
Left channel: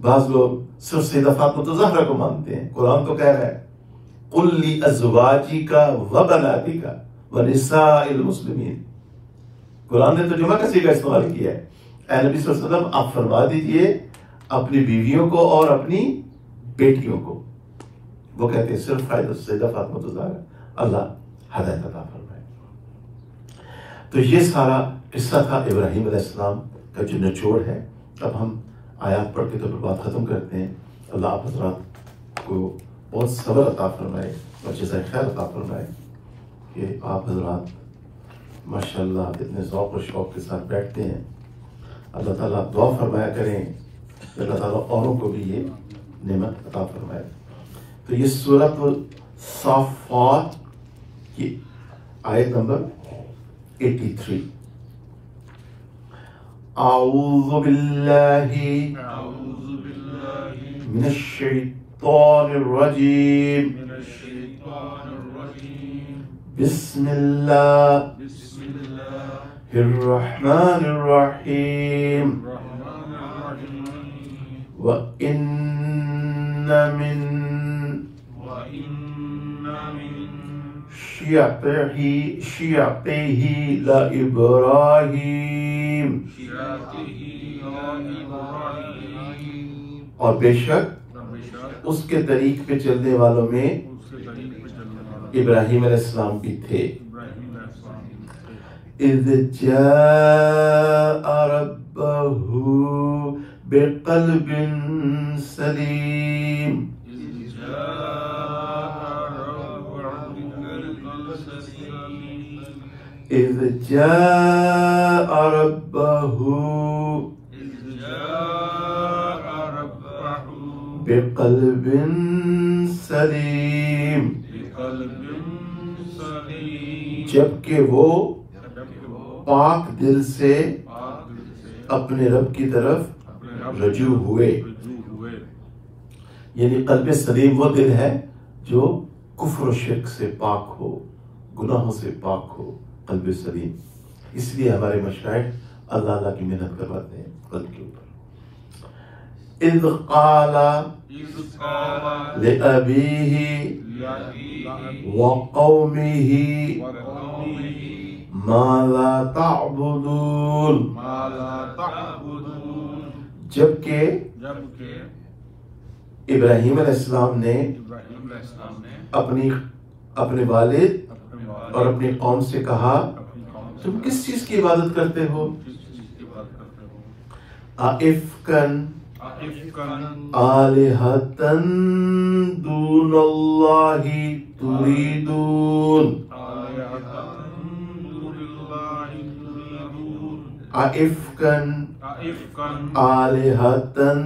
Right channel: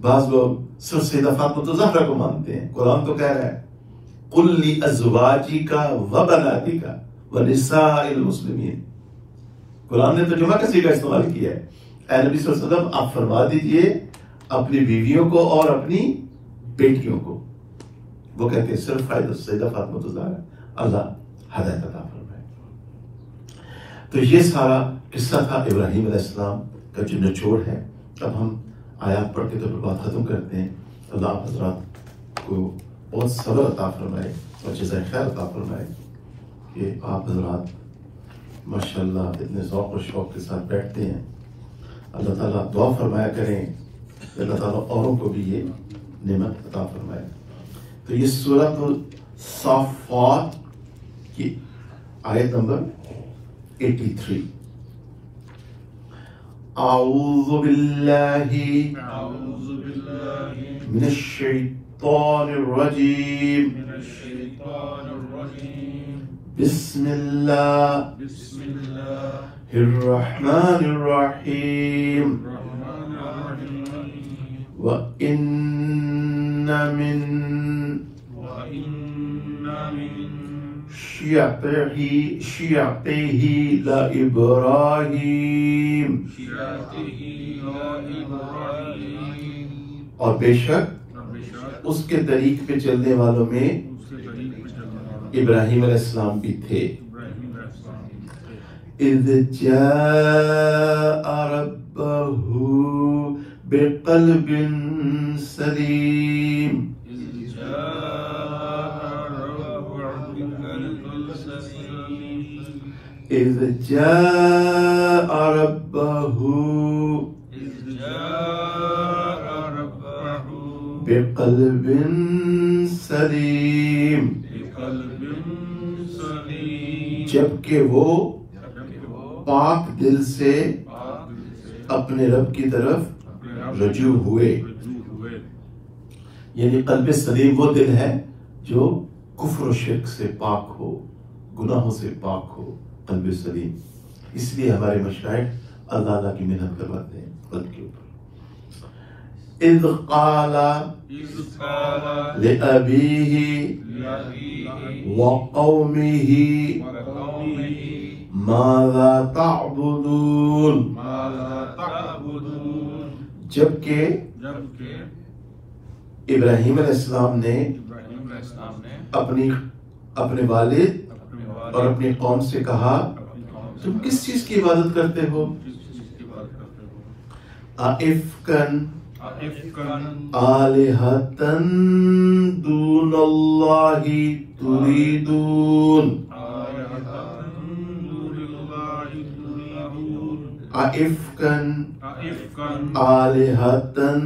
بعض لوگ صرف سیدہ فاطمہ الزہرا کو مانتے ہیں۔ قرآن تو کہہ رہا ہے قُلْ لِأَزْوَاجِكَ وَبَنَاتِكَ وَنِسَاءِ الْمُسْلِمِينَ، قرآن نے تو جمع کا صیغہ استعمال کیا ہے۔ اے نبی صلی اللہ علیہ وسلم، آپ فرما دیجئے اپنی بیویوں کو اور اپنی بیٹیوں کو، وہ کہتے ہیں صرف فائدہ سیدہ فاطمہ الزہرا، اللہ ہدایت عطا فرمائے۔ تو یہ سارا قصہ تھا ابراہیم علیہ السلام کا جو نچوڑ ہے۔ اب ہم آیات پڑھ کے تو بات ختم کرتے ہیں۔ اللہ آپ حضرات کو بہت صبر عطا فرمائے اور جزائے خیر عطا فرمائے کہ آپ حضرات ماشاءاللہ اتنے ذوق و شوق کے ساتھ بیٹھتے ہیں۔ اللہ تعالیٰ دعا فرمایا کریں کہ اللہ تعالیٰ اوروں کو بھی یہ نعمت عطا فرمائے۔ تو یہ سورۃ الصافات کی آیت نمبر 83۔ اعوذ باللہ من الشیطان الرجیم، بسم اللہ الرحمن الرحیم، وَإِنَّ مِن شِيَعَتِهِ لَإِبْرَاهِيمَ، اور بے شک اس کے طریق پہ چلنے والوں میں ابراہیم علیہ السلام بھی تھے۔ اِذْ جَاءَ رَبَّهُ بِقَلْبٍ سَلِيمٍ، اِذْ جَاءَ رَبَّهُ بِقَلْبٍ سَلِيمٍ، جبکہ وہ پاک دل سے اپنے رب کی طرف رجوع ہوئے۔ یعنی قلب سلیم وہ دل ہے جو کفر و شرک سے پاک ہو، گناہوں سے پاک ہو، قلب سلیم۔ اس لیے ہمارے مشائخ اللہ تعالیٰ کی محنت کرواتے ہیں قلب کے اوپر۔ اِذْ قَالَ لِأَبِيهِ وَقَوْمِهِ مَاذَا تَعْبُدُونَ، جبکہ ابراہیم علیہ السلام نے اپنے والد اور اپنی قوم سے کہا تم کس چیز کی عبادت کرتے ہو؟ اَئِفْکًا آلہتن دون اللہ تریدون افکن آلہتن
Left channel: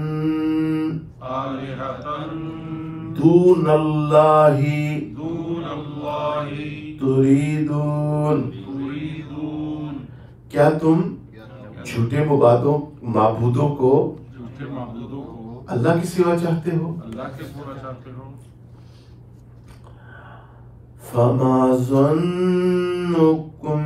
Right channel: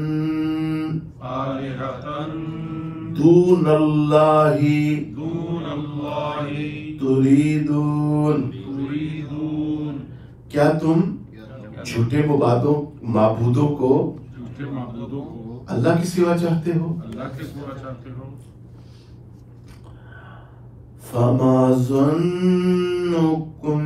دون اللہ تریدون کیا تم جھوٹے معبودوں کو اللہ کی سوا چاہتے ہو؟ فما ظنکم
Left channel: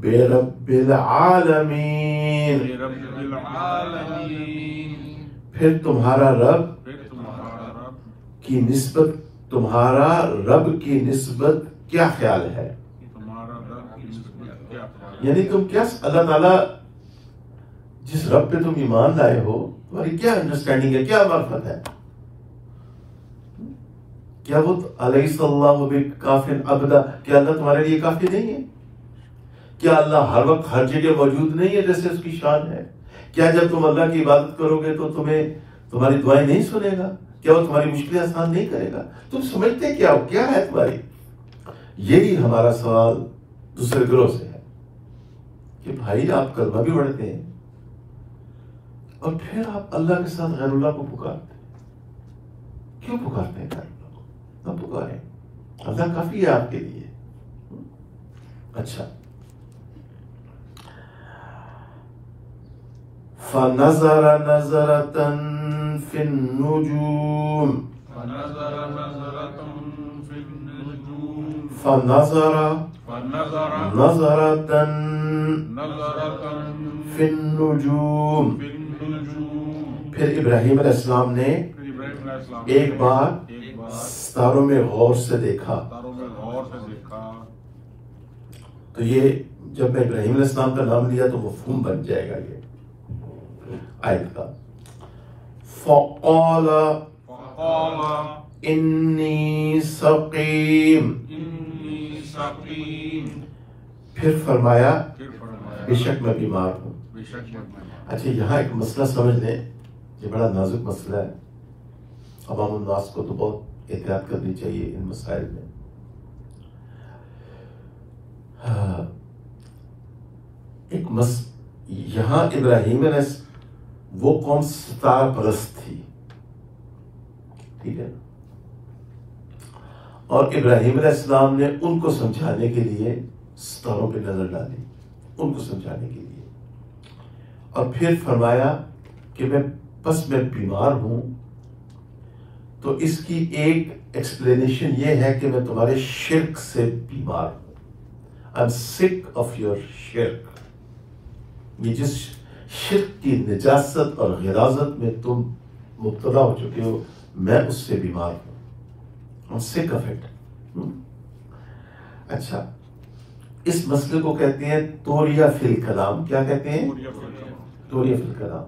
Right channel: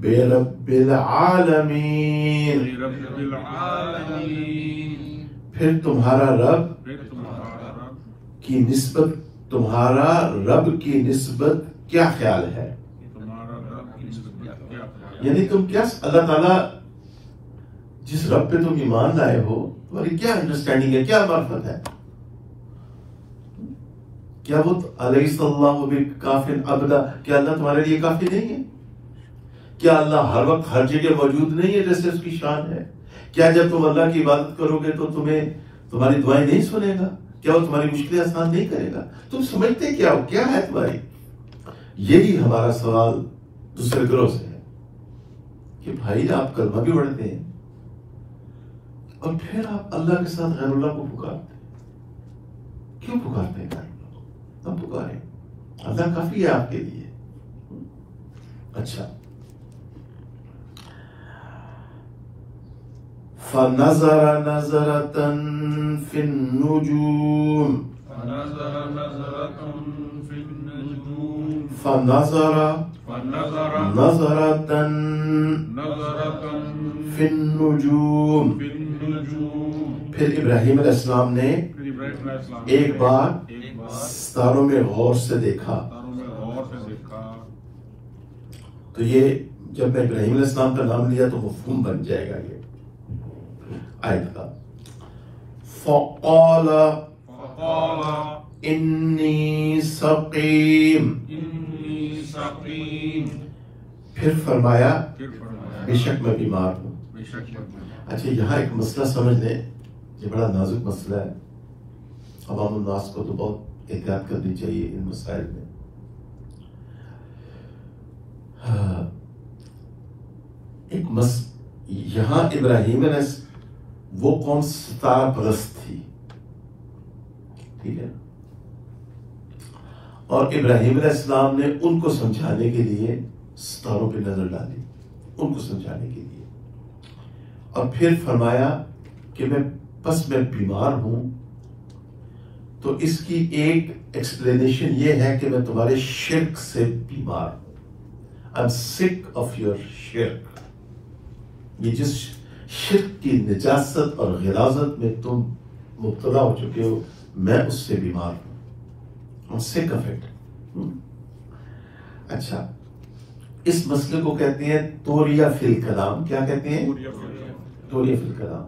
برب العالمین پھر تمہارا رب کی نسبت تمہارا رب کی نسبت کیا خیال ہے؟ یعنی تم کیا اللہ تعالیٰ جس رب پہ تم ایمان لائے ہو تمہاری کیا انڈرسٹینڈنگ ہے، کیا معرفت ہے؟ کیا وہ الیس اللہ بکاف عبدا، کیا اللہ تمہارے لیے کافی نہیں ہے؟ کیا اللہ ہر وقت ہر جگہ موجود نہیں ہے جیسے اس کی شان ہے؟ کیا جب تم اللہ کی عبادت کرو گے تو تمہاری دعائیں نہیں سنے گا؟ کیا وہ تمہاری مشکلیں آسان نہیں کرے گا؟ تم سمجھتے کیا ہو، کیا ہے تمہاری؟ یہی ہمارا سوال دوسرے گروہ سے ہے کہ بھائی آپ کلمہ بھی پڑھتے ہیں اور پھر آپ اللہ کے ساتھ غیر اللہ کو پکارتے ہیں، کیوں پکارتے ہیں غیر اللہ کو؟ نہ پکاریں، اللہ کافی ہے آپ کے لیے۔ اچھا، فَنَظَرَ نَظَرَةً فِي النُّجُومِ فَنَظَرَ نَظَرَةً فِي النُّجُومِ پھر ابراہیم علیہ السلام نے ایک بار ستاروں میں غور سے دیکھا۔ تو یہ جب میں ابراہیم علیہ السلام کا نام لیا تو مفہوم بن جائے گا یہ آیت کا۔ فَقَالَ إِنِّي سَقِيمٌ، پھر فرمایا بے شک میں بیمار ہوں۔ اچھا، یہاں ایک مسئلہ سمجھ لیں، یہ بڑا نازک مسئلہ ہے، عوام الناس کو تو بہت احتیاط کرنی چاہیے ان مسائل میں۔ یہاں ابراہیم علیہ وہ قوم ستارہ پرست تھی، ٹھیک ہے، اور ابراہیم علیہ السلام نے ان کو سمجھانے کے لیے ستاروں پہ نظر ڈالی، ان کو سمجھانے کے لیے، اور پھر فرمایا کہ میں بیمار ہوں۔ تو اس کی ایک ایکسپلینیشن یہ ہے کہ میں تمہارے شرک سے بیمار ہوں، I'm sick of your شرک، یہ جس شرک کی نجاست اور غلاظت میں تم مبتلا ہو چکے ہو، میں اس سے بیمار ہوں، I'm sick of it۔ اچھا، اس مسئلے کو کہتے ہیں توریہ فی الکلام۔ کیا کہتے ہیں؟ توریہ فی الکلام۔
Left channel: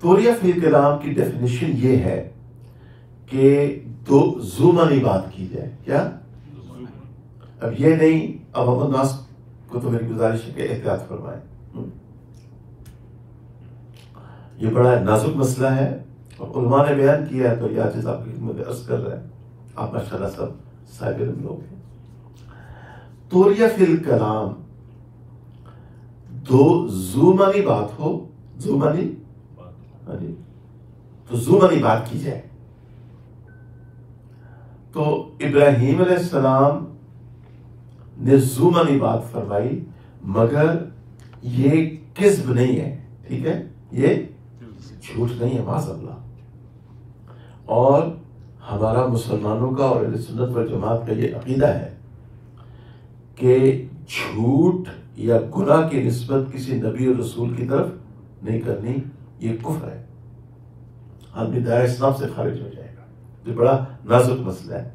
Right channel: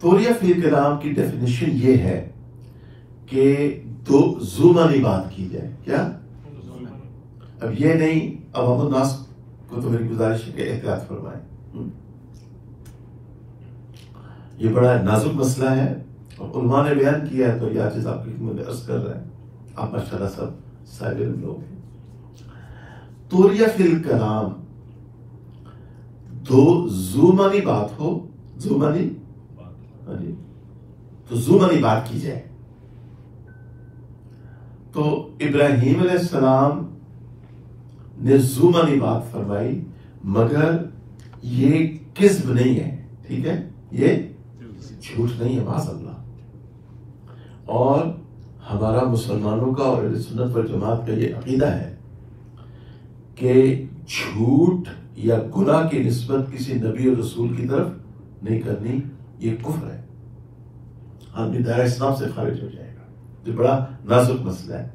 توریہ فی الکلام کی ڈیفینیشن یہ ہے کہ دو زومانی بات کی جائے۔ کیا؟ اب یہ نہیں، اب ہم الناس کو تو میری گزارش ہے کہ احتیاط فرمائیں، یہ بڑا نازک مسئلہ ہے اور علماء نے بیان کیا ہے، تو یہ عاجز آپ کی خدمت میں عرض کر رہا ہے، آپ ماشاءاللہ سب صاحب علم لوگ ہیں۔ توریہ فی الکلام دو زومانی بات ہو، زومانی تو زومانی بات کی جائے، تو ابراہیم علیہ السلام نے زومانی بات فرمائی، مگر یہ کذب نہیں ہے، ٹھیک ہے، یہ جھوٹ نہیں ہے، معاذ اللہ۔ اور ہمارا مسلمانوں کا اور اہل سنت والجماعت کا یہ عقیدہ ہے کہ جھوٹ یا گناہ کی نسبت کسی نبی اور رسول کی طرف نہیں کرنی، یہ کفر ہے، آدمی دائرہ اسلام سے خارج ہو جائے گا۔ تو بڑا نازک مسئلہ ہے۔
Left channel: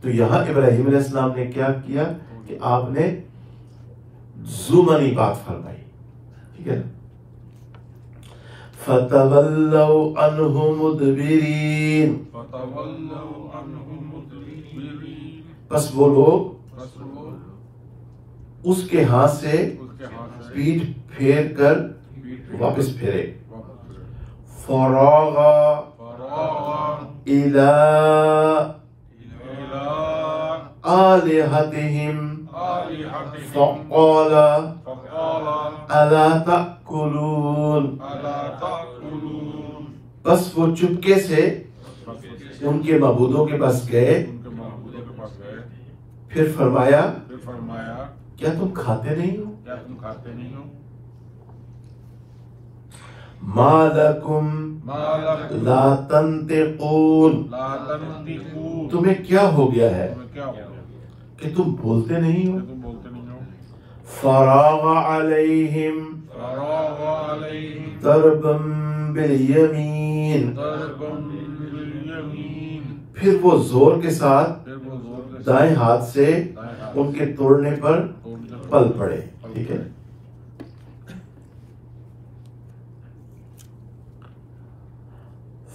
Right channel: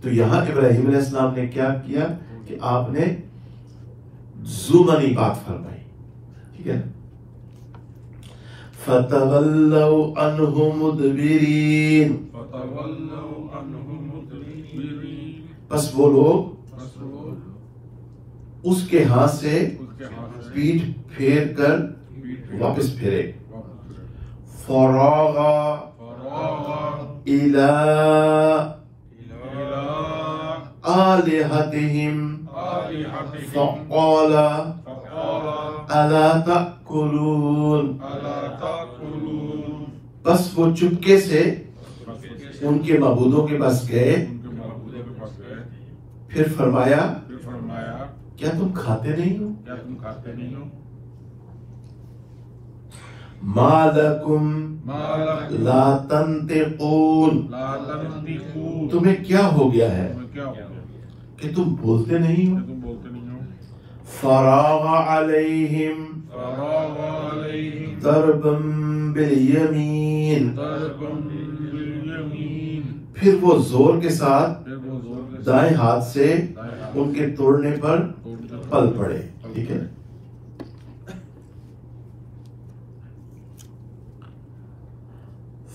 تو یہاں ابراہیم علیہ السلام نے کیا کیا کہ آپ نے زومانی بات فرمائی، ٹھیک ہے۔ فَتَوَلَّوْا عَنْهُ مُدْبِرِينَ، پس وہ لوگ اس کے ہاں سے پیٹھ پھیر کر واپس پھرے. فراغ الى آلہتہم فقال الا تأکلون. بس وہ چپکے سے ان کے معبودوں کے پاس گئے، پھر فرمایا کیا تم کھاتے نہیں ہو؟ ما لکم لا تنطقون. تمہیں کیا ہو گیا ہے کہ تم بولتے نہیں ہو؟ فراغ علیہم ضربا بالیمین. پھر وہ زور کے ساتھ دائیں ہاتھ سے ان کے توڑنے پر پل پڑے. ٹھیک ہے.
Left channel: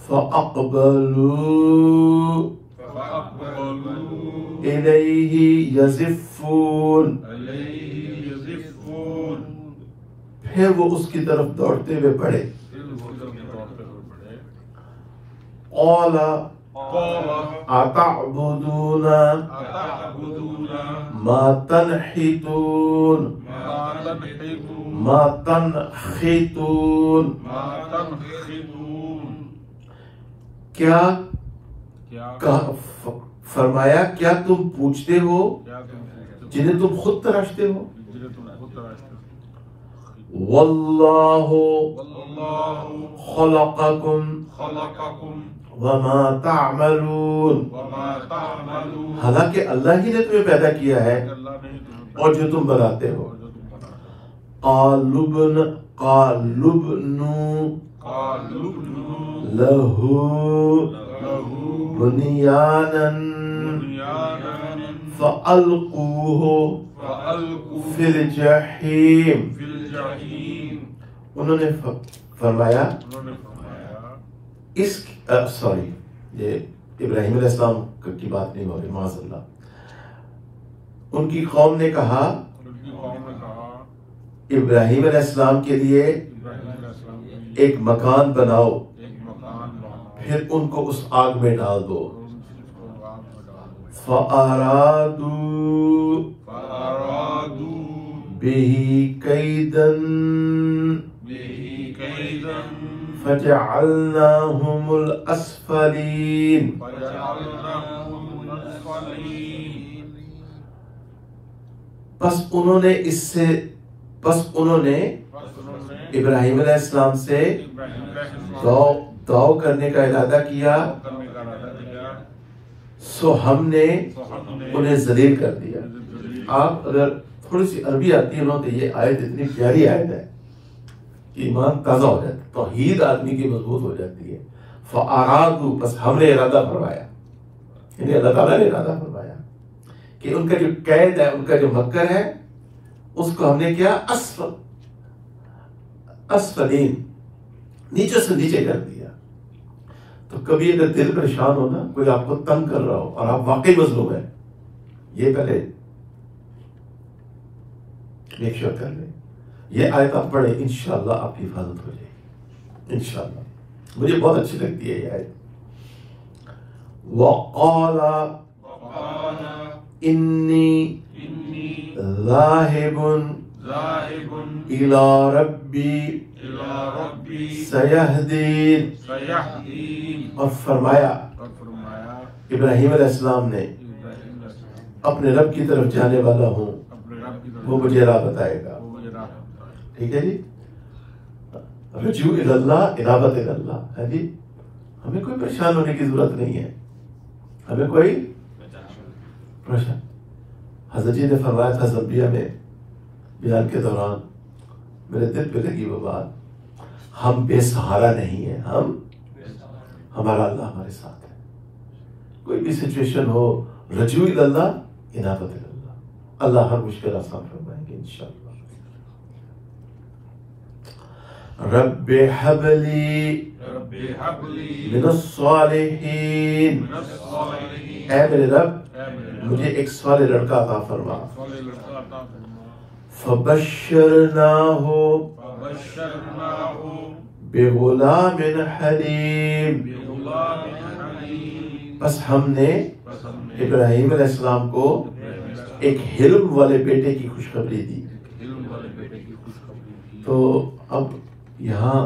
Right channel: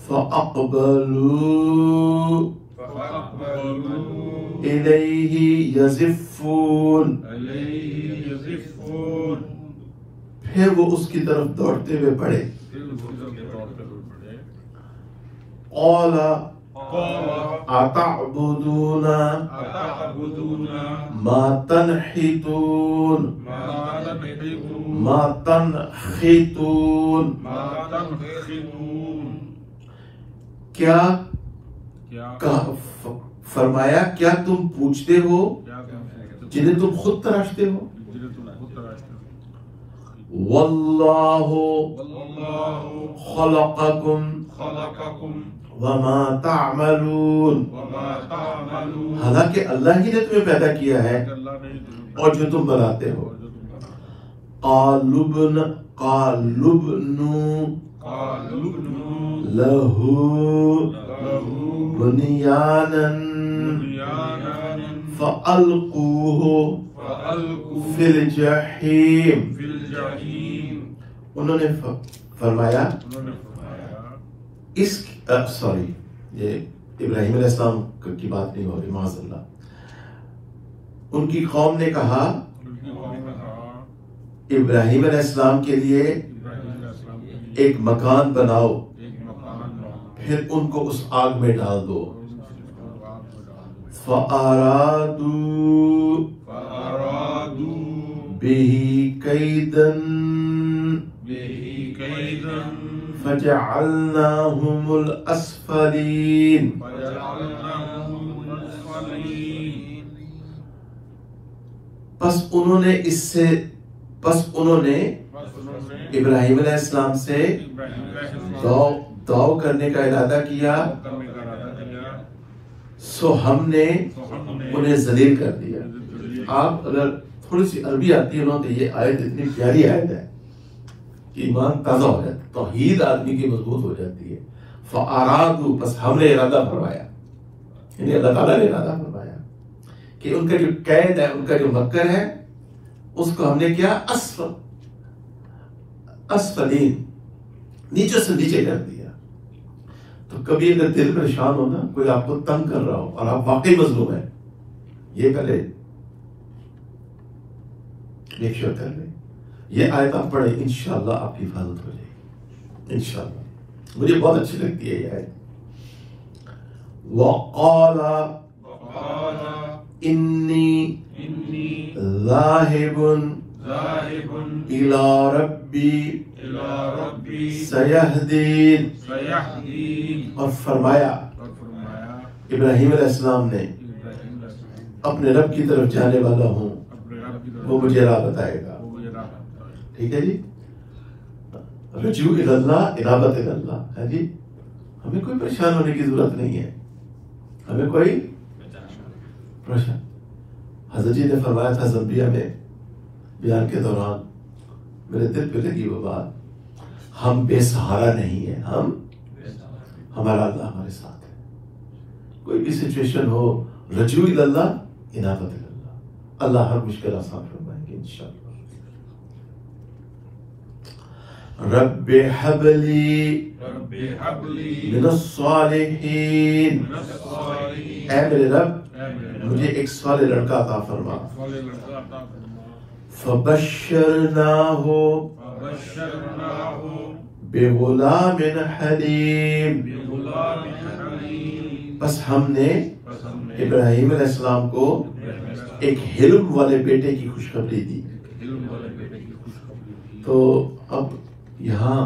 فَأَقْبَلُوا إِلَيْهِ يَزِفُّونَ. پھر وہ اس کی طرف دوڑتے ہوئے پڑے. قَالَ أَتَعْبُدُونَ مَا تَنْحِتُونَ مَا تَنْحِتُونَ. کیا فرمایا کیا تم پوچھتے ہو جنہیں تم خود تراشتے ہو؟ واللہ خلقکم وما تعملون. حالانکہ اللہ ہی نے تمہیں پیدا کیا ہے اور جو تم بناتے ہو. قالوا لہو بنیانا فألقوہ فی الجحیم. انہوں نے فرمایا یہ ابراہیم علیہ السلام کی بات نہیں ہو رہی، معاذ اللہ. ان کی قوم نے کہا ابراہیم علیہ السلام کے لیے ایک مکان بناؤ، پھر ان کو اس آگ میں ڈال دو. فَأَرَادُوا بِهِ كَيْدًا فَجَعَلْنَاهُمُ الْأَسْفَلِينَ. پس انہوں نے ابراہیم علیہ السلام سے دعو کرنے کا ارادہ کیا، سو ہم نے انہیں ذلیل کر دیا. آپ اگر تھوڑی سی عربی آتی ہے تو یہ آیت اتنی پیاری آیت ہے کہ ایمان تازہ ہو جاتا ہے، توحید آدمی کی مضبوط ہو جاتی ہے. فَأَرَادُوا، بس ہم نے ارادہ فرمایا، یعنی اللہ تعالیٰ نے ارادہ فرمایا کہ ان کا جو قید ہے، ان کا جو مکر ہے، اس کو ہم نے کیا اسفلین، نیچے سے نیچے کر دیا. تو کبھی اگر دل پریشان ہو نا، کوئی آپ کو تنگ کر رہا ہو اور آپ واقعی مظلوم ہیں، یہ پہلے میک شور کر لیں، یہ آیت آپ پڑھیں، انشاءاللہ آپ کی حفاظت ہو جائے گی انشاءاللہ. مجھے بہت اچھی لگتی ہے یہ آیت. وَقَالَ إِنِّي ذَاهِبٌ إِلَى رَبِّي سَيَهْدِينِ. اور فرمایا ابراہیم علیہ السلام نے اپنے رب کی طرف جانے والا ہوں، وہ مجھے راہ بتائے گا. ٹھیک ہے جی. رجوع اللہ، انابت اللہ ہے جی. ہمیں کوئی پریشان ہونے کی ضرورت نہیں ہے، ہمیں کوئی پریشان. حضرت جی نے فرمایا تھا زمبیا میں بیان کے دوران، میرے دل پہ لگی وہ بات، ہم بے سہارا نہیں ہیں، ہمارا اللہ ہمارے ساتھ ہے. کوئی بھی سچویشن ہو، رجوع اللہ، انابت اللہ، اللہ ہر مشکل آسان فرمائیں گے انشاءاللہ. رب حب لی من الصالحین. اے میرے رب مجھے ایک صالح لڑکا عطا فرما. فبشرناہ بغلام حلیم، بس ہم نے ابراہیم علیہ السلام کو ایک حلم والے بیٹے کی خوشخبری دی۔ تو اب یہاں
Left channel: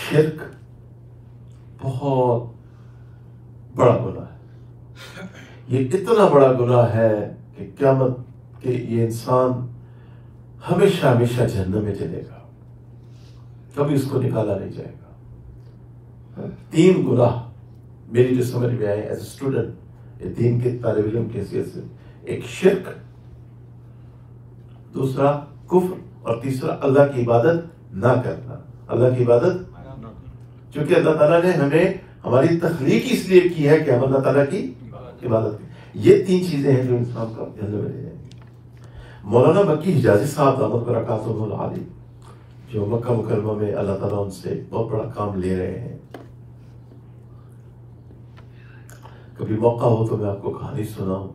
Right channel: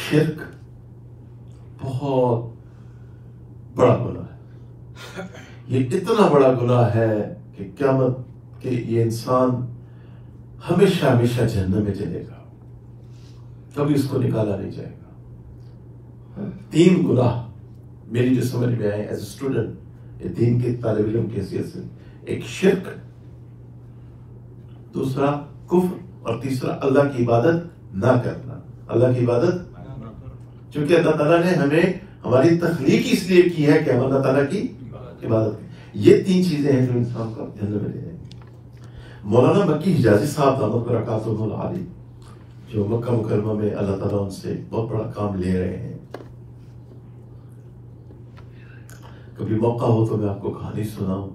شرک بہت بڑا گناہ ہے، یہ اتنا بڑا گناہ ہے کہ قیامت کہ یہ انسان ہمیشہ ہمیشہ جہنم میں چلے گا، کبھی اس کو نکالا نہیں جائے گا۔ 3 گناہ میری جو سمجھ میں آئے ایز اے اسٹوڈنٹ، دین کے طالب علم کی حیثیت سے، ایک شرک، دوسرا کفر، اور تیسرا اللہ کی عبادت نہ کرنا۔ اللہ کی عبادت، چونکہ اللہ تعالیٰ نے ہمیں ہماری تخلیق اس لیے کی ہے کہ ہم اللہ تعالیٰ کی عبادت کریں۔ یہ 3 چیزیں ہیں جو انسان کا جہنم میں لے جائیں۔ مولانا مکی حجازی صاحب دامت برکاتہ العالی، جو مکہ مکرمہ میں اللہ تعالیٰ ان سے بہت بڑا کام لے رہے ہیں، کبھی موقع ہو تو میں آپ کو کہانی سناؤں۔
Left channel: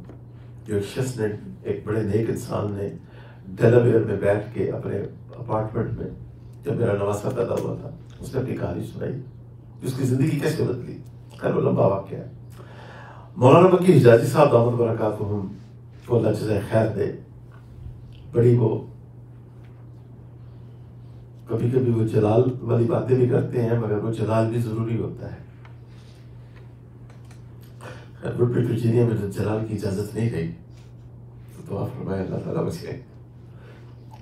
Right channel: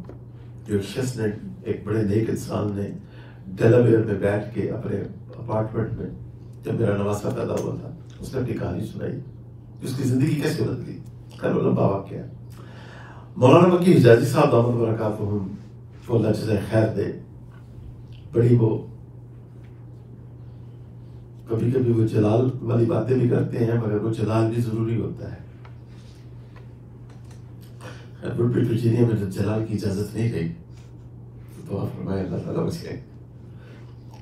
جو ایک شخص نے، ایک بڑے نیک انسان نے ڈیلاویئر میں بیٹھ کے اپنے اپارٹمنٹ میں، جب میرا نواسا پیدا ہوا تھا، اس نے اپنی کہانی سنائی، اس کی زندگی کیسے بدلی، وہ لمبا واقعہ ہے۔ مولانا مکی حجازی صاحب دامت برکاتہم کو اللہ جزائے خیر دے، بڑی وہ کبھی کبھی وہ جلال والی باتیں بھی کرتے ہیں، مگر وہ جلال بھی ضروری ہوتا ہے۔ ورجینیا میں جلال کی اجازت نہیں گئی تو آپ فرمائے اللہ تعالیٰ بچے،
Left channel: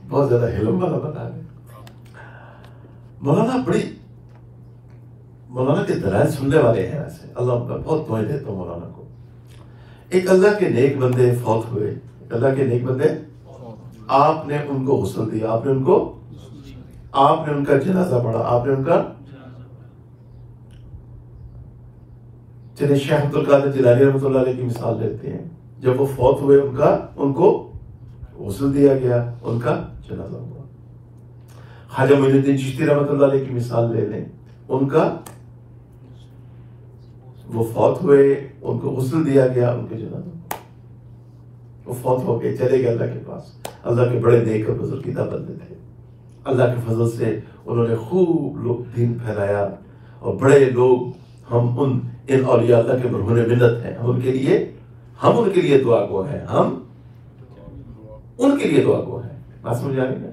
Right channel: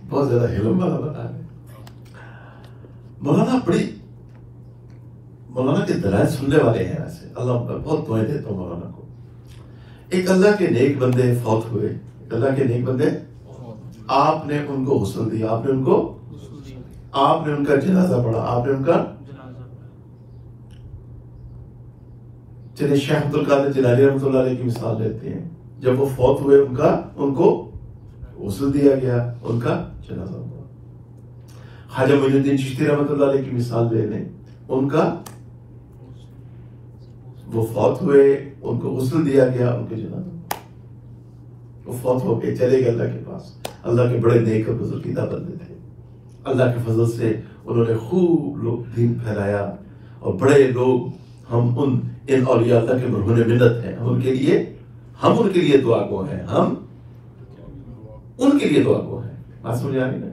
بہت زیادہ حلم والا بتا ہے۔ مولانا کے دلائل سننے والے ہیں ایسے، اللہ بہت دعائیں دیتا ہوں مولانا کو۔ ایک اللہ کے نیک بندے فوت ہوئے، اللہ کے نیک بندے، آپ نے ان کو غسل دیا، آپ نے ان کا جنازہ پڑھا، آپ نے ان کا، چلے شیخ عبد القادر جیلانی رحمۃ اللہ علیہ کی مثال لیتے ہیں، جب وہ فوت ہوئے ان کو غسل دیا گیا، ان کا جنازہ ہوا۔ خواجہ معین الدین چشتی رحمۃ اللہ علیہ کی مثال لے لیں، ان کا، وہ فوت ہوئے، ان کو غسل دیا گیا، ان کے جنازہ، وہ فوت ہو کے چلے گئے اللہ کے پاس۔ اللہ کے بڑے نیک اور بزرگیدہ بندے تھے، اللہ کے فضل سے انہوں نے خوب لوگ دین پھیلایا، اور بڑے لوگ، ہم ان اولیاء اللہ کے مرہون منت ہیں، ہم ان کے لیے دعا گو ہیں، ہم ان کے لیے دعا گو ہیں۔ بات سمجھ آ رہی ہے؟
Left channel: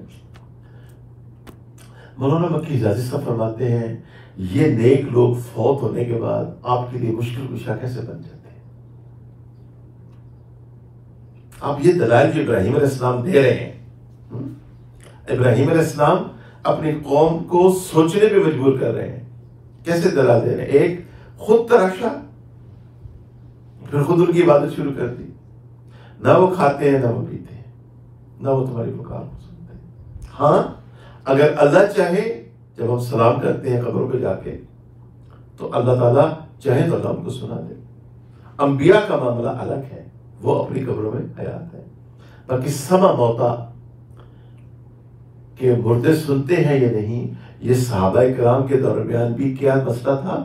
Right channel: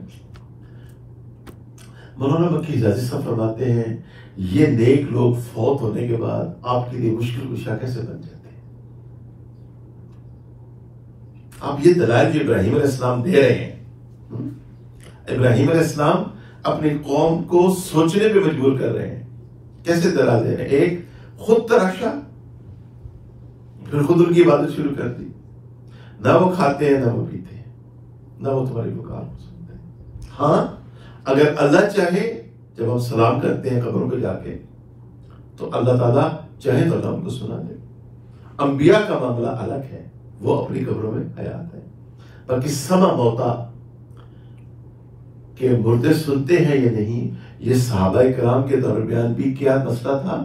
مولانا مکی حجازی صاحب فرماتے ہیں یہ نیک لوگ فوت ہونے کے بعد آپ کے لیے مشکل کشا کیسے بن جاتے ہیں۔ آپ یہ دلائل جو ابراہیم علیہ السلام دے رہے ہیں، ابراہیم علیہ السلام اپنی قوم کو سوچنے پہ مجبور کر رہے ہیں۔ کیسے دلائل دے رہے ہیں؟ ایک، خود تراشا، پھر خود ان کی عبادت شروع کر دی، نہ وہ کھاتے ہیں نہ وہ پیتے ہیں، نہ وہ تمہاری پکار سنتے ہیں۔ ہاں، اگر اللہ چاہے، جب ہم سلام کرتے ہیں قبروں پہ جا کے، تو اللہ تعالیٰ چاہے تو اللہ ان کو سنا دے۔ انبیاء کا معاملہ الگ ہے، وہ اپنی قبروں میں حیات ہے، باقی سما موتا کہ مردے سنتے ہیں یا نہیں، یہ صحابہ کرام کے درمیان بھی کیا مسئلہ تھا؟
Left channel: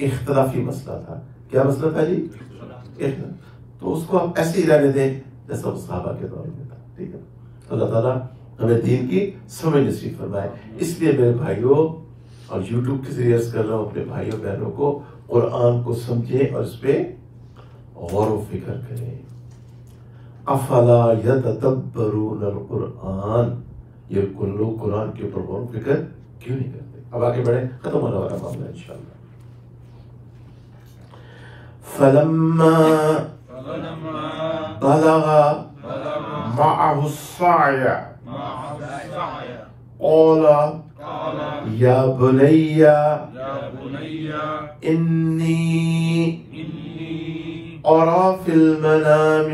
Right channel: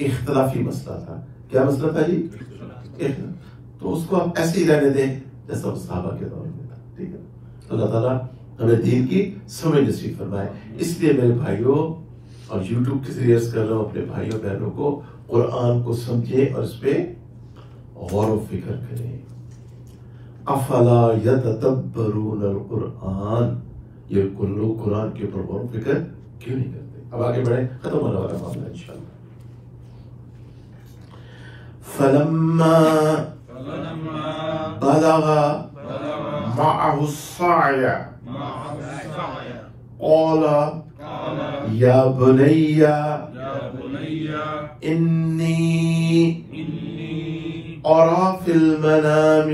اختلافی مسئلہ تھا۔ کیا مسئلہ تھا جی؟ تو اس کو آپ ایسے ہی رہنے دیں جیسا وہ صحابہ کے دور میں تھا، ٹھیک ہے؟ اللہ تعالیٰ ہمیں دین کی سمجھ نصیب فرمائے۔ اس لیے میرے بھائیوں، اور یوٹیوب کے ذریعے کر رہا ہوں اپنے بھائیوں بہنوں کو، قرآن کو سمجھیں اور اس پہ غور و فکر کریں۔ افلا یتدبرون القرآن، یہ لوگ قرآن کے اوپر غور و فکر کیوں نہیں کرتے؟ اب آگے بڑھیں، ختم ہونے والا معاملہ انشاءاللہ۔ فلما بلغ معه السعي قال يا بني إني أرى في المنام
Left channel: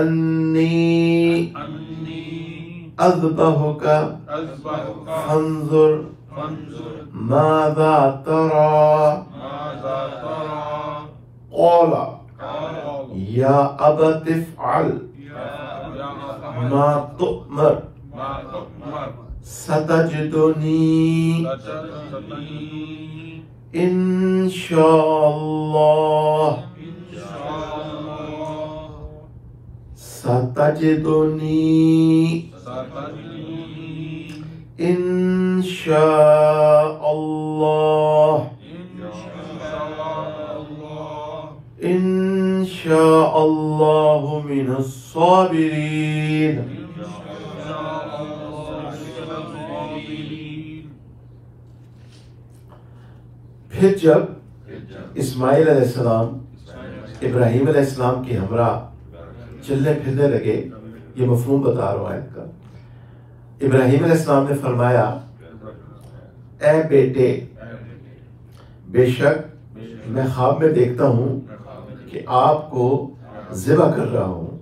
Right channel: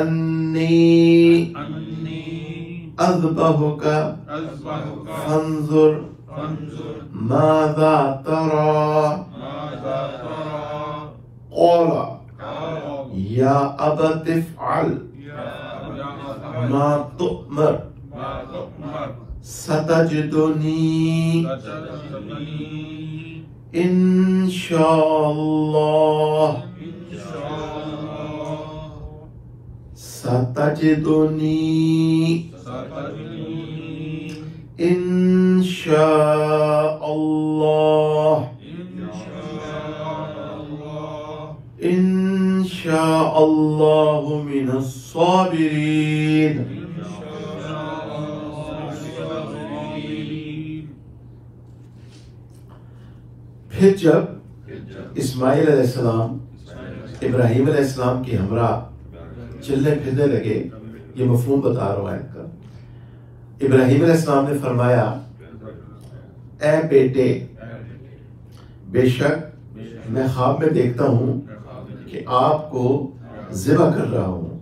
أني أذبحك فانظر ماذا ترى قال يا أبت افعل ما تؤمر ستجدني إن شاء الله ستجدنی انشاء اللہ انشاء اللہ من الصابرین. پھر جب اسماعیل علیہ السلام ابراہیم علیہ السلام کی ہمراہ چلنے پھرنے لگے، یہ مفہوم بتا رہا ہوں آیت کا. ابراہیم علیہ السلام نے فرمایا اے بیٹے، بے شک میں خواب میں دیکھتا ہوں کہ آپ کو ذبح کر رہا ہوں،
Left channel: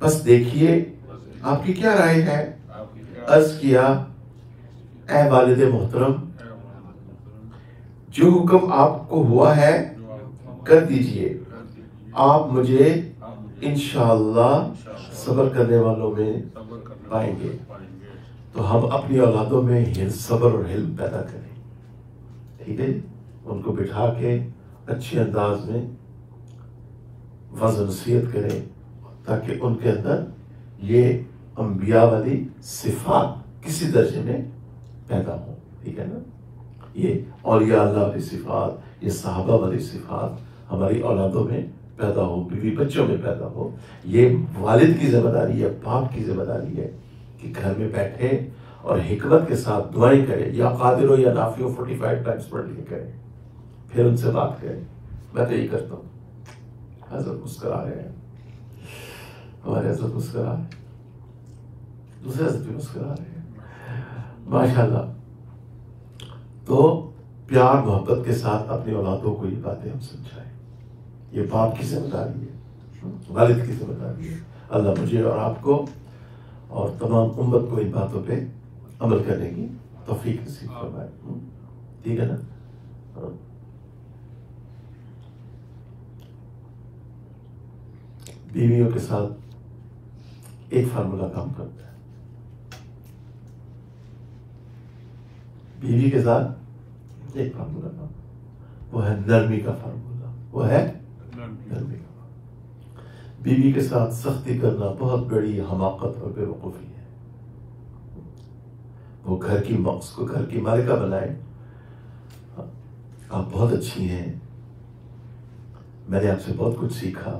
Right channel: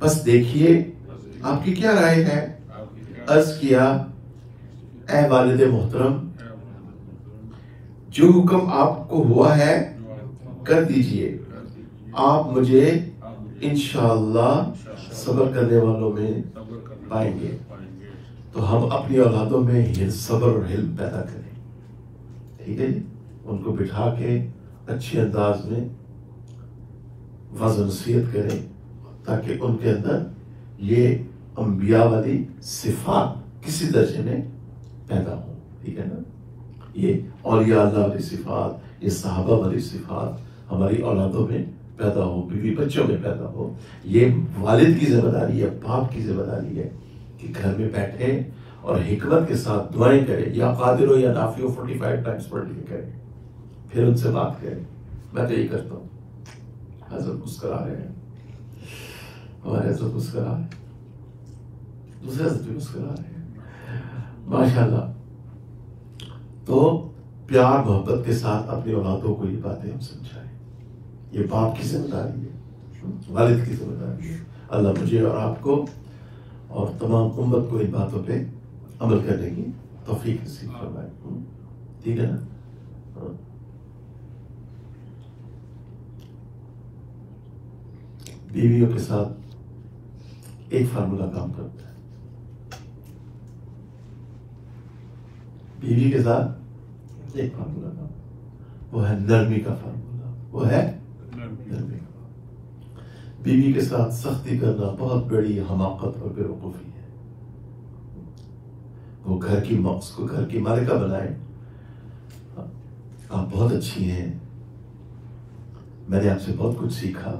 بس دیکھیے آپ کی کیا رائے ہے. عرض کیا اے والد محترم، جو حکم آپ کو ہوا ہے کر دیجئے، آپ مجھے انشاءاللہ صبر کرنے والوں میں پائیں گے. تو ہم اپنی اولادوں میں صبر اور حلم پیدا کریں، ٹھیک ہے جی. ان کو بٹھا کے اچھے انداز میں وعظ و نصیحت کریں تاکہ ان کے اندر یہ انبیاء والی صفات کسی درجے میں پیدا ہوں، ٹھیک ہے نا. یہ اولیاء اللہ والی صفات، یہ صحابہ والی صفات ہماری اولادوں میں پیدا ہو، بیوی بچوں میں پیدا ہو. یہ والد کی ذمہ داری ہے، باپ کی ذمہ داری ہے کہ گھر میں بیٹھے اور حکمت کے ساتھ دعائیں کرے، یا قادر ہو یا نافع ہو 45 ٹائمز پڑھ لکھ کریں، پھر ان سے بات کریں. میں تو یہی کرتا ہوں. حضرت مسکرا رہے ہیں، ہمارے حضرت مسکرا رہے ہیں، دوسرے حضرت بھی مسکرا رہے ہیں، ماشاءاللہ. تو پیار محبت کے ساتھ اپنی اولادوں کو یہ باتیں ہم سمجھائیں. یہ باپ کی ذمہ داری ہے، والد کی ذمہ داری ہے. اللہ مجھے اور آپ کو اور تمام امت کو ان باتوں پہ عمل کرنے کی توفیق نصیب فرمائے. ٹھیک ہے نا. بیویوں کے ساتھ ایک فارمولہ کام کرتا ہے. بیوی کے ساتھ ایک فارمولہ کام، وہ ہے نرمی کا فارمولہ، وہ ہے نرمی. بیوی کے ساتھ سختی کرنا بہت بڑی حماقت اور بے وقوفی ہے. وہ گھر کی مالکہ بنائیں. آپ بہت اچھی ہیں، میں نے آپ سے بہت کچھ سیکھا،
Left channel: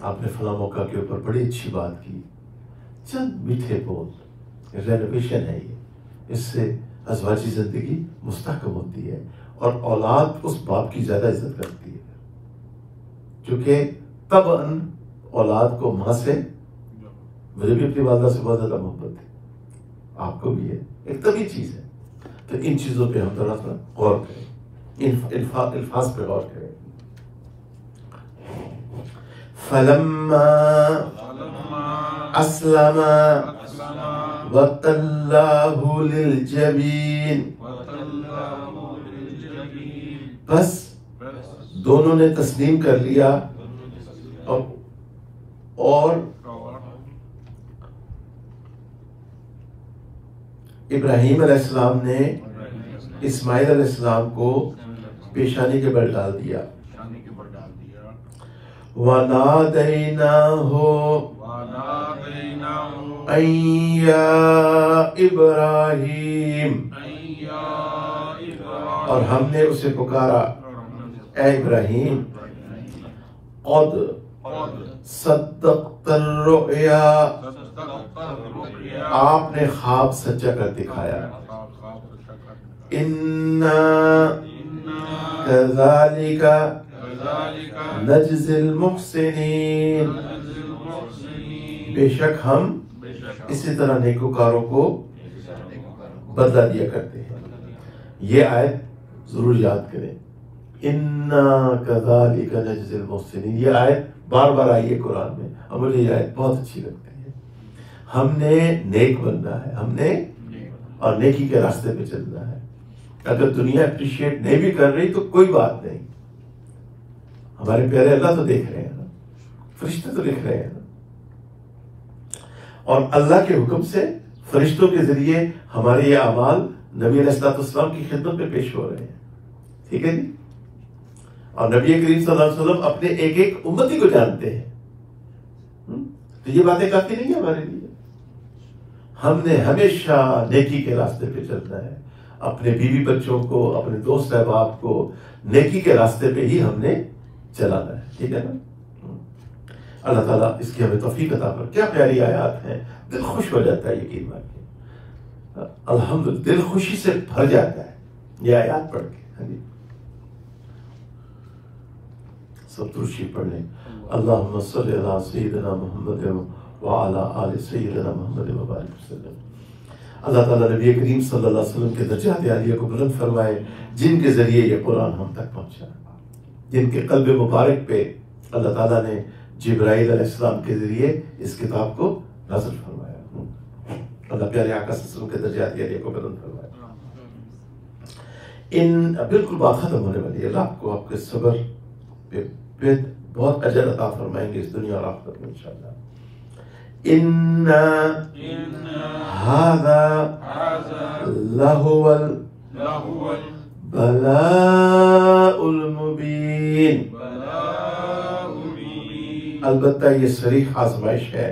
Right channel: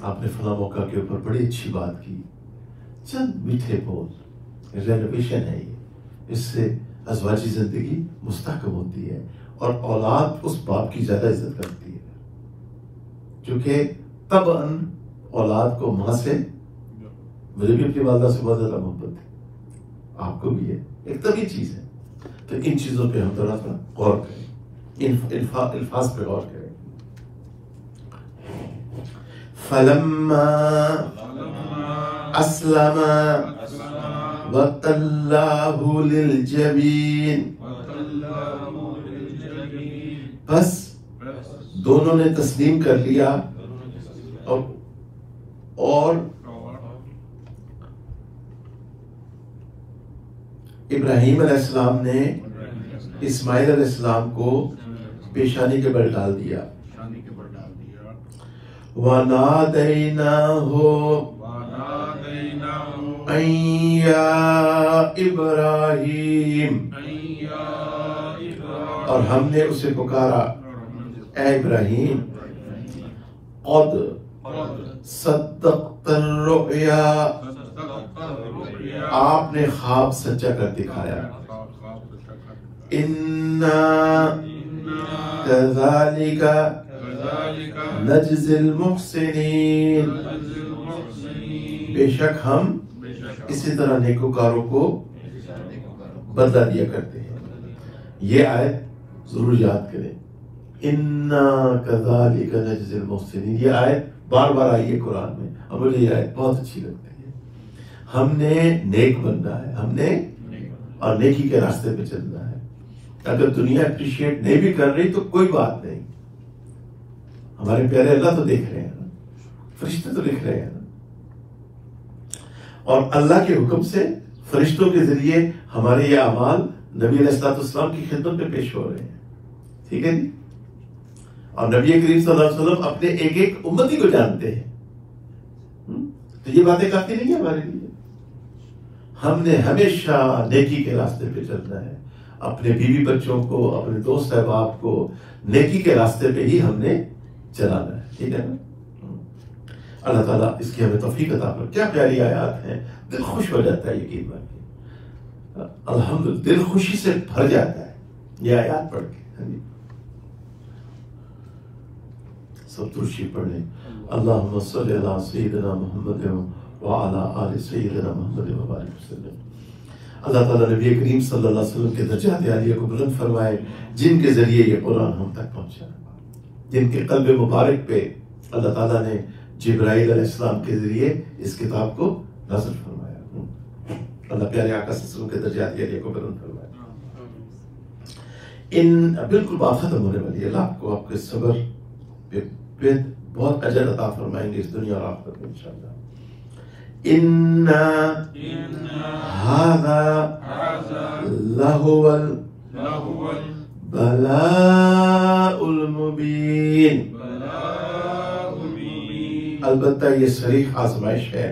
آپ نے فلاں موقع کے اوپر بڑی اچھی بات کی. چند میٹھے بول، رینوویشن ہے یہ، اس سے ازواجی زندگی مستحکم ہوتی ہے اور اولاد اس باپ کی زیادہ عزت کرتی ہے، کیونکہ طبعاً اولاد کو ماں سے، مجھے بھی اپنی والدہ سے بہت زیادہ محبت ہے، آپ کو بھی ہے، ایک طبعی چیز ہے. تو ان چیزوں پہ ہم تھوڑا سا غور کریں، الفاظ پہ غور کریں. فَلَمَّا أَسْلَمَ وَتَلَّهُ لِلْجَبِينِ، بس دونوں نے تسلیم کر لیا اور ابراہیم علیہ السلام نے اسماعیل علیہ السلام کو پیشانی کے بل ڈال دیا. وَنَادَيْنَاهُ أَن يَا إِبْرَاهِيمُ، اور ہم نے اسے پکارا اے ابراہیم، قد صدقت الرؤیا، آپ نے خواب سچا کر دکھایا. اِنَّا كَذَلِكَ نَجْزِي الْمُحْسِنِينَ، بے شک ہم اسی طرح نیکوکاروں کو بدلہ دیا کرتے ہیں. یہ آیت ضرور یاد کریں. اِنَّا كَذَلِكَ نَجْزِي الْمُحْسِنِينَ، یہ آیت بار بار آئی ہے قرآن میں، اور مجھے یہ آیت بہت اچھی لگتی ہے. ہم نے نیک بننا ہے، ہم نے اور نیکی کے راستے پہ چلنا ہے. اگر دنیا اپریشیٹ نہیں بھی کر رہی تو کوئی بات نہیں، ہمارے پیارے اللہ تو دیکھ رہے ہیں نا، فرشتے تو دیکھ رہے ہیں نا، اور اللہ کے حکم سے فرشتوں کے ذریعے ہمارے یہ اعمال نبی علیہ السلام کی خدمت میں پیش ہو رہے ہیں. ٹھیک ہے جی. اور نبی کریم صلی اللہ علیہ وسلم اپنے ایک ایک امتی کو جانتے ہیں. تو یہ باتیں کافی نہیں ہے ہمارے لیے. ہم نے ہمیشہ نیکی کے راستے پہ چلنا ہے. اپنے بیوی بچوں کو، اپنے دوست احباب کو نیکی کے راستے پہ ہی ہم نے چلانا ہے. ٹھیک ہے نا؟ اللہ تعالیٰ اس کی ہمیں توفیق عطا فرمائے. کیا پیاری آیات ہیں، دل خوش ہو جاتا ہے یقین مان کے. الحمدللہ دل خوشی سے بھر جاتا ہے یہ آیات پڑھ کے. سب درشی پڑھیں. اللہم صلی علی سیدنا محمد وعلی آل سیدنا محمد وبارک وسلم. اللہ تعالیٰ نبی کریم صلی اللہ علیہ وسلم کے درجات عالیہ کو بلند فرمائے، جن کے ذریعے یہ قرآن ہم تک پہنچا، جن کے قلب مبارک پہ اللہ تعالیٰ نے جبرائیل علیہ السلام کے ذریعے اس کتاب کو نازل فرمایا. اللہ پیارے آقا صلی اللہ علیہ وسلم کے درجات عالیہ کو بلند فرمائے. بالکل بات ختم ہونے والی ہے. اللہ آپ کو آپ کے صبر پہ بہت اجر عطا فرمائیں گے اس دنیا اور آخرت میں انشاءاللہ. ان هذا لهو البلاء المبین. البتہ یہ صریح آزمائش ہے.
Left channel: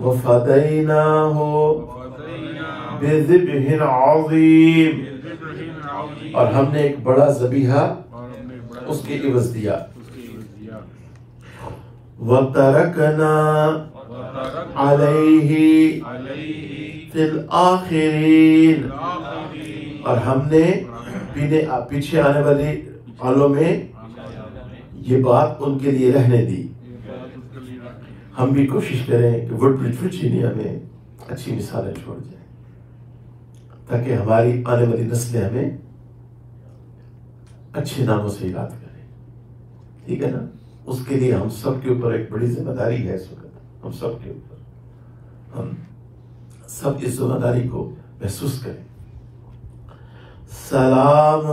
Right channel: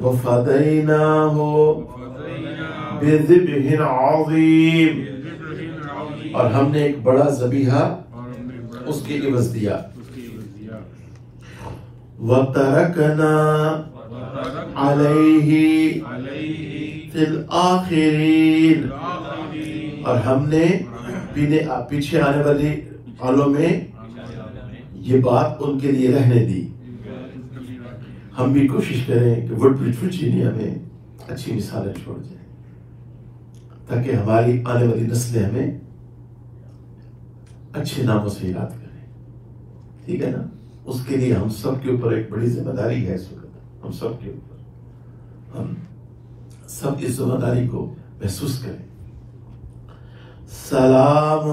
وَفَدَيْنَاهُ بِذِبْحٍ عَظِيمٍ. اور ہم نے ایک بڑا ذبیحہ اس کے عوض دیا. وَتَرَكْنَا عَلَيْهِ فِي الْآخِرِينَ. اور ہم نے پیچھے آنے والی حالوں میں یہ بات ان کے لیے رہنے دی. ہم بھی کوشش کریں کہ وڈ برج ورجینیا میں اچھی مثالیں چھوڑ دیں تاکہ ہماری آنے والی نسلیں ہمیں اچھے ناموں سے یاد کریں. ٹھیک ہے نا؟ اس کے لیے ہم سب کے اوپر ایک بڑی ذمہ داری ہے. اس وقت ہم سب کے اوپر، ہم سب اس ذمہ داری کو محسوس کریں. سلام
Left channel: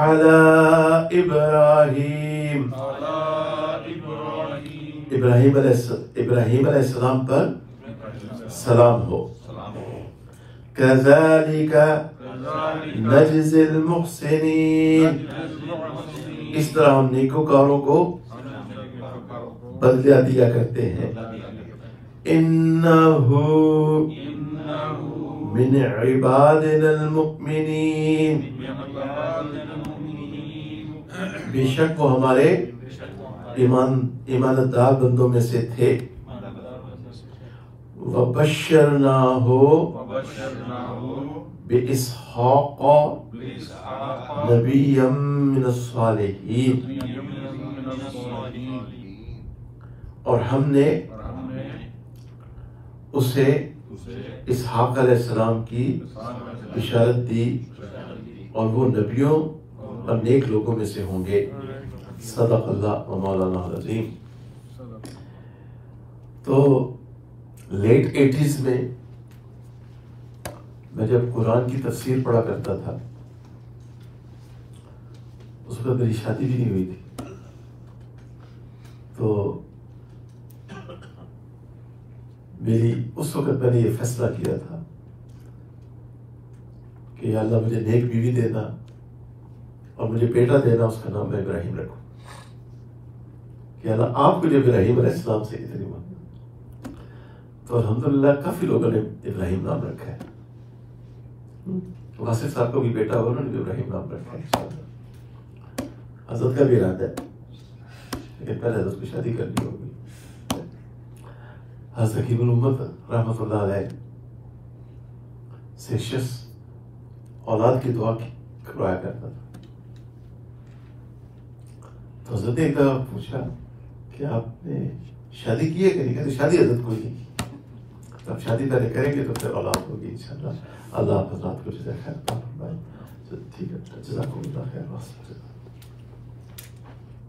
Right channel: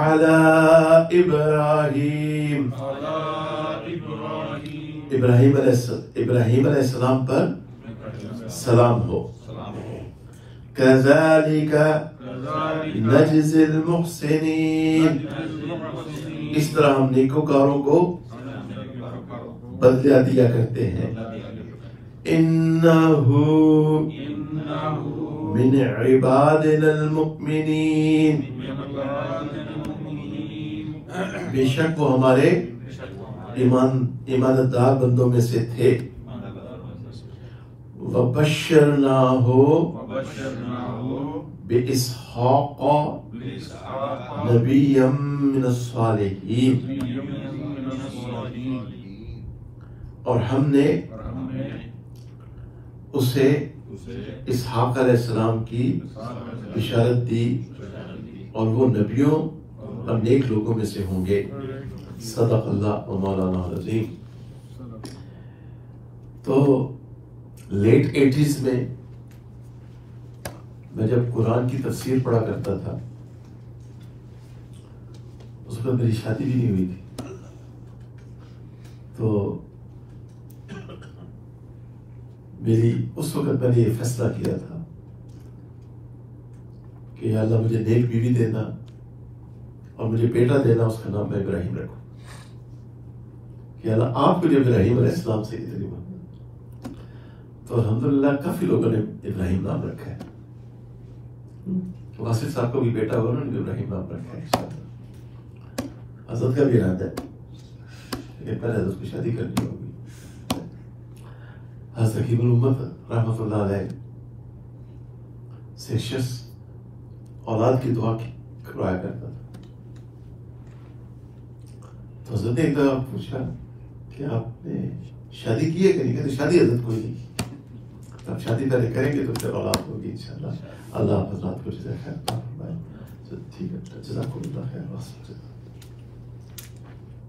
علی ابراہیم. ابراہیم علیہ السلام پر سلام ہو. کذالک نجزی المحسنین. اس طرح ہم نیکوکاروں کو بدلہ دیا کرتے ہیں. انہ من عبادنا المؤمنین. بے شک وہ ہمارے ایماندار بندوں میں سے تھے. وَبَشَّرْنَاهُ بِإِسْحَاقَ نَبِيًّا مِّنَ الصَّالِحِينَ. اور ہم نے اسے اسحاق علیہ السلام کی بشارت دی اور وہ نبیوں اور نیک لوگوں میں سے ہوں گے. صدق اللہ و مولانا العظیم. تو لیٹ 80s میں جب قرآن کی تفسیر پڑھا کرتا تھا اس وقت میری شادی بھی نہیں ہوئی تھی. تو اس وقت میں نے یہ فیصلہ کیا تھا کہ یا اللہ مجھے نیک بیوی دینا اور مجھے بیٹا دینا، اس کا نام میں ابراہیم رکھوں. کہ اللہ آپ مجھے ابراہیم علیہ السلام سے اتنی بات. تو الحمدللہ کافی لوگوں نے ابراہیم نام رکھا ہے. واسف صاحب کو بھی بیٹا ہوگا، انہوں نے ابراہیم نام رکھا ہے. حضرت کا بھی ارادہ ہے لیکن پہلے حضرت کی شادی کرنی ہوگی. حضرت حکیم الامت رحمۃ اللہ علیہ سے شخص اولاد کی دعا کروایا کرتا تھا. تو حضرت نے ایک دفعہ پوچھا کہ آپ نے شادی کی ہے کہ نہیں؟ کہتے شادی حضرت کوئی نہیں. اب شادی پہلے کریں گے تو پھر اولاد ہوگی انشاءاللہ. اللہ آپ حضرات کو جزائے خیر. ٹھیک ہے، جزاکم اللہ خیر.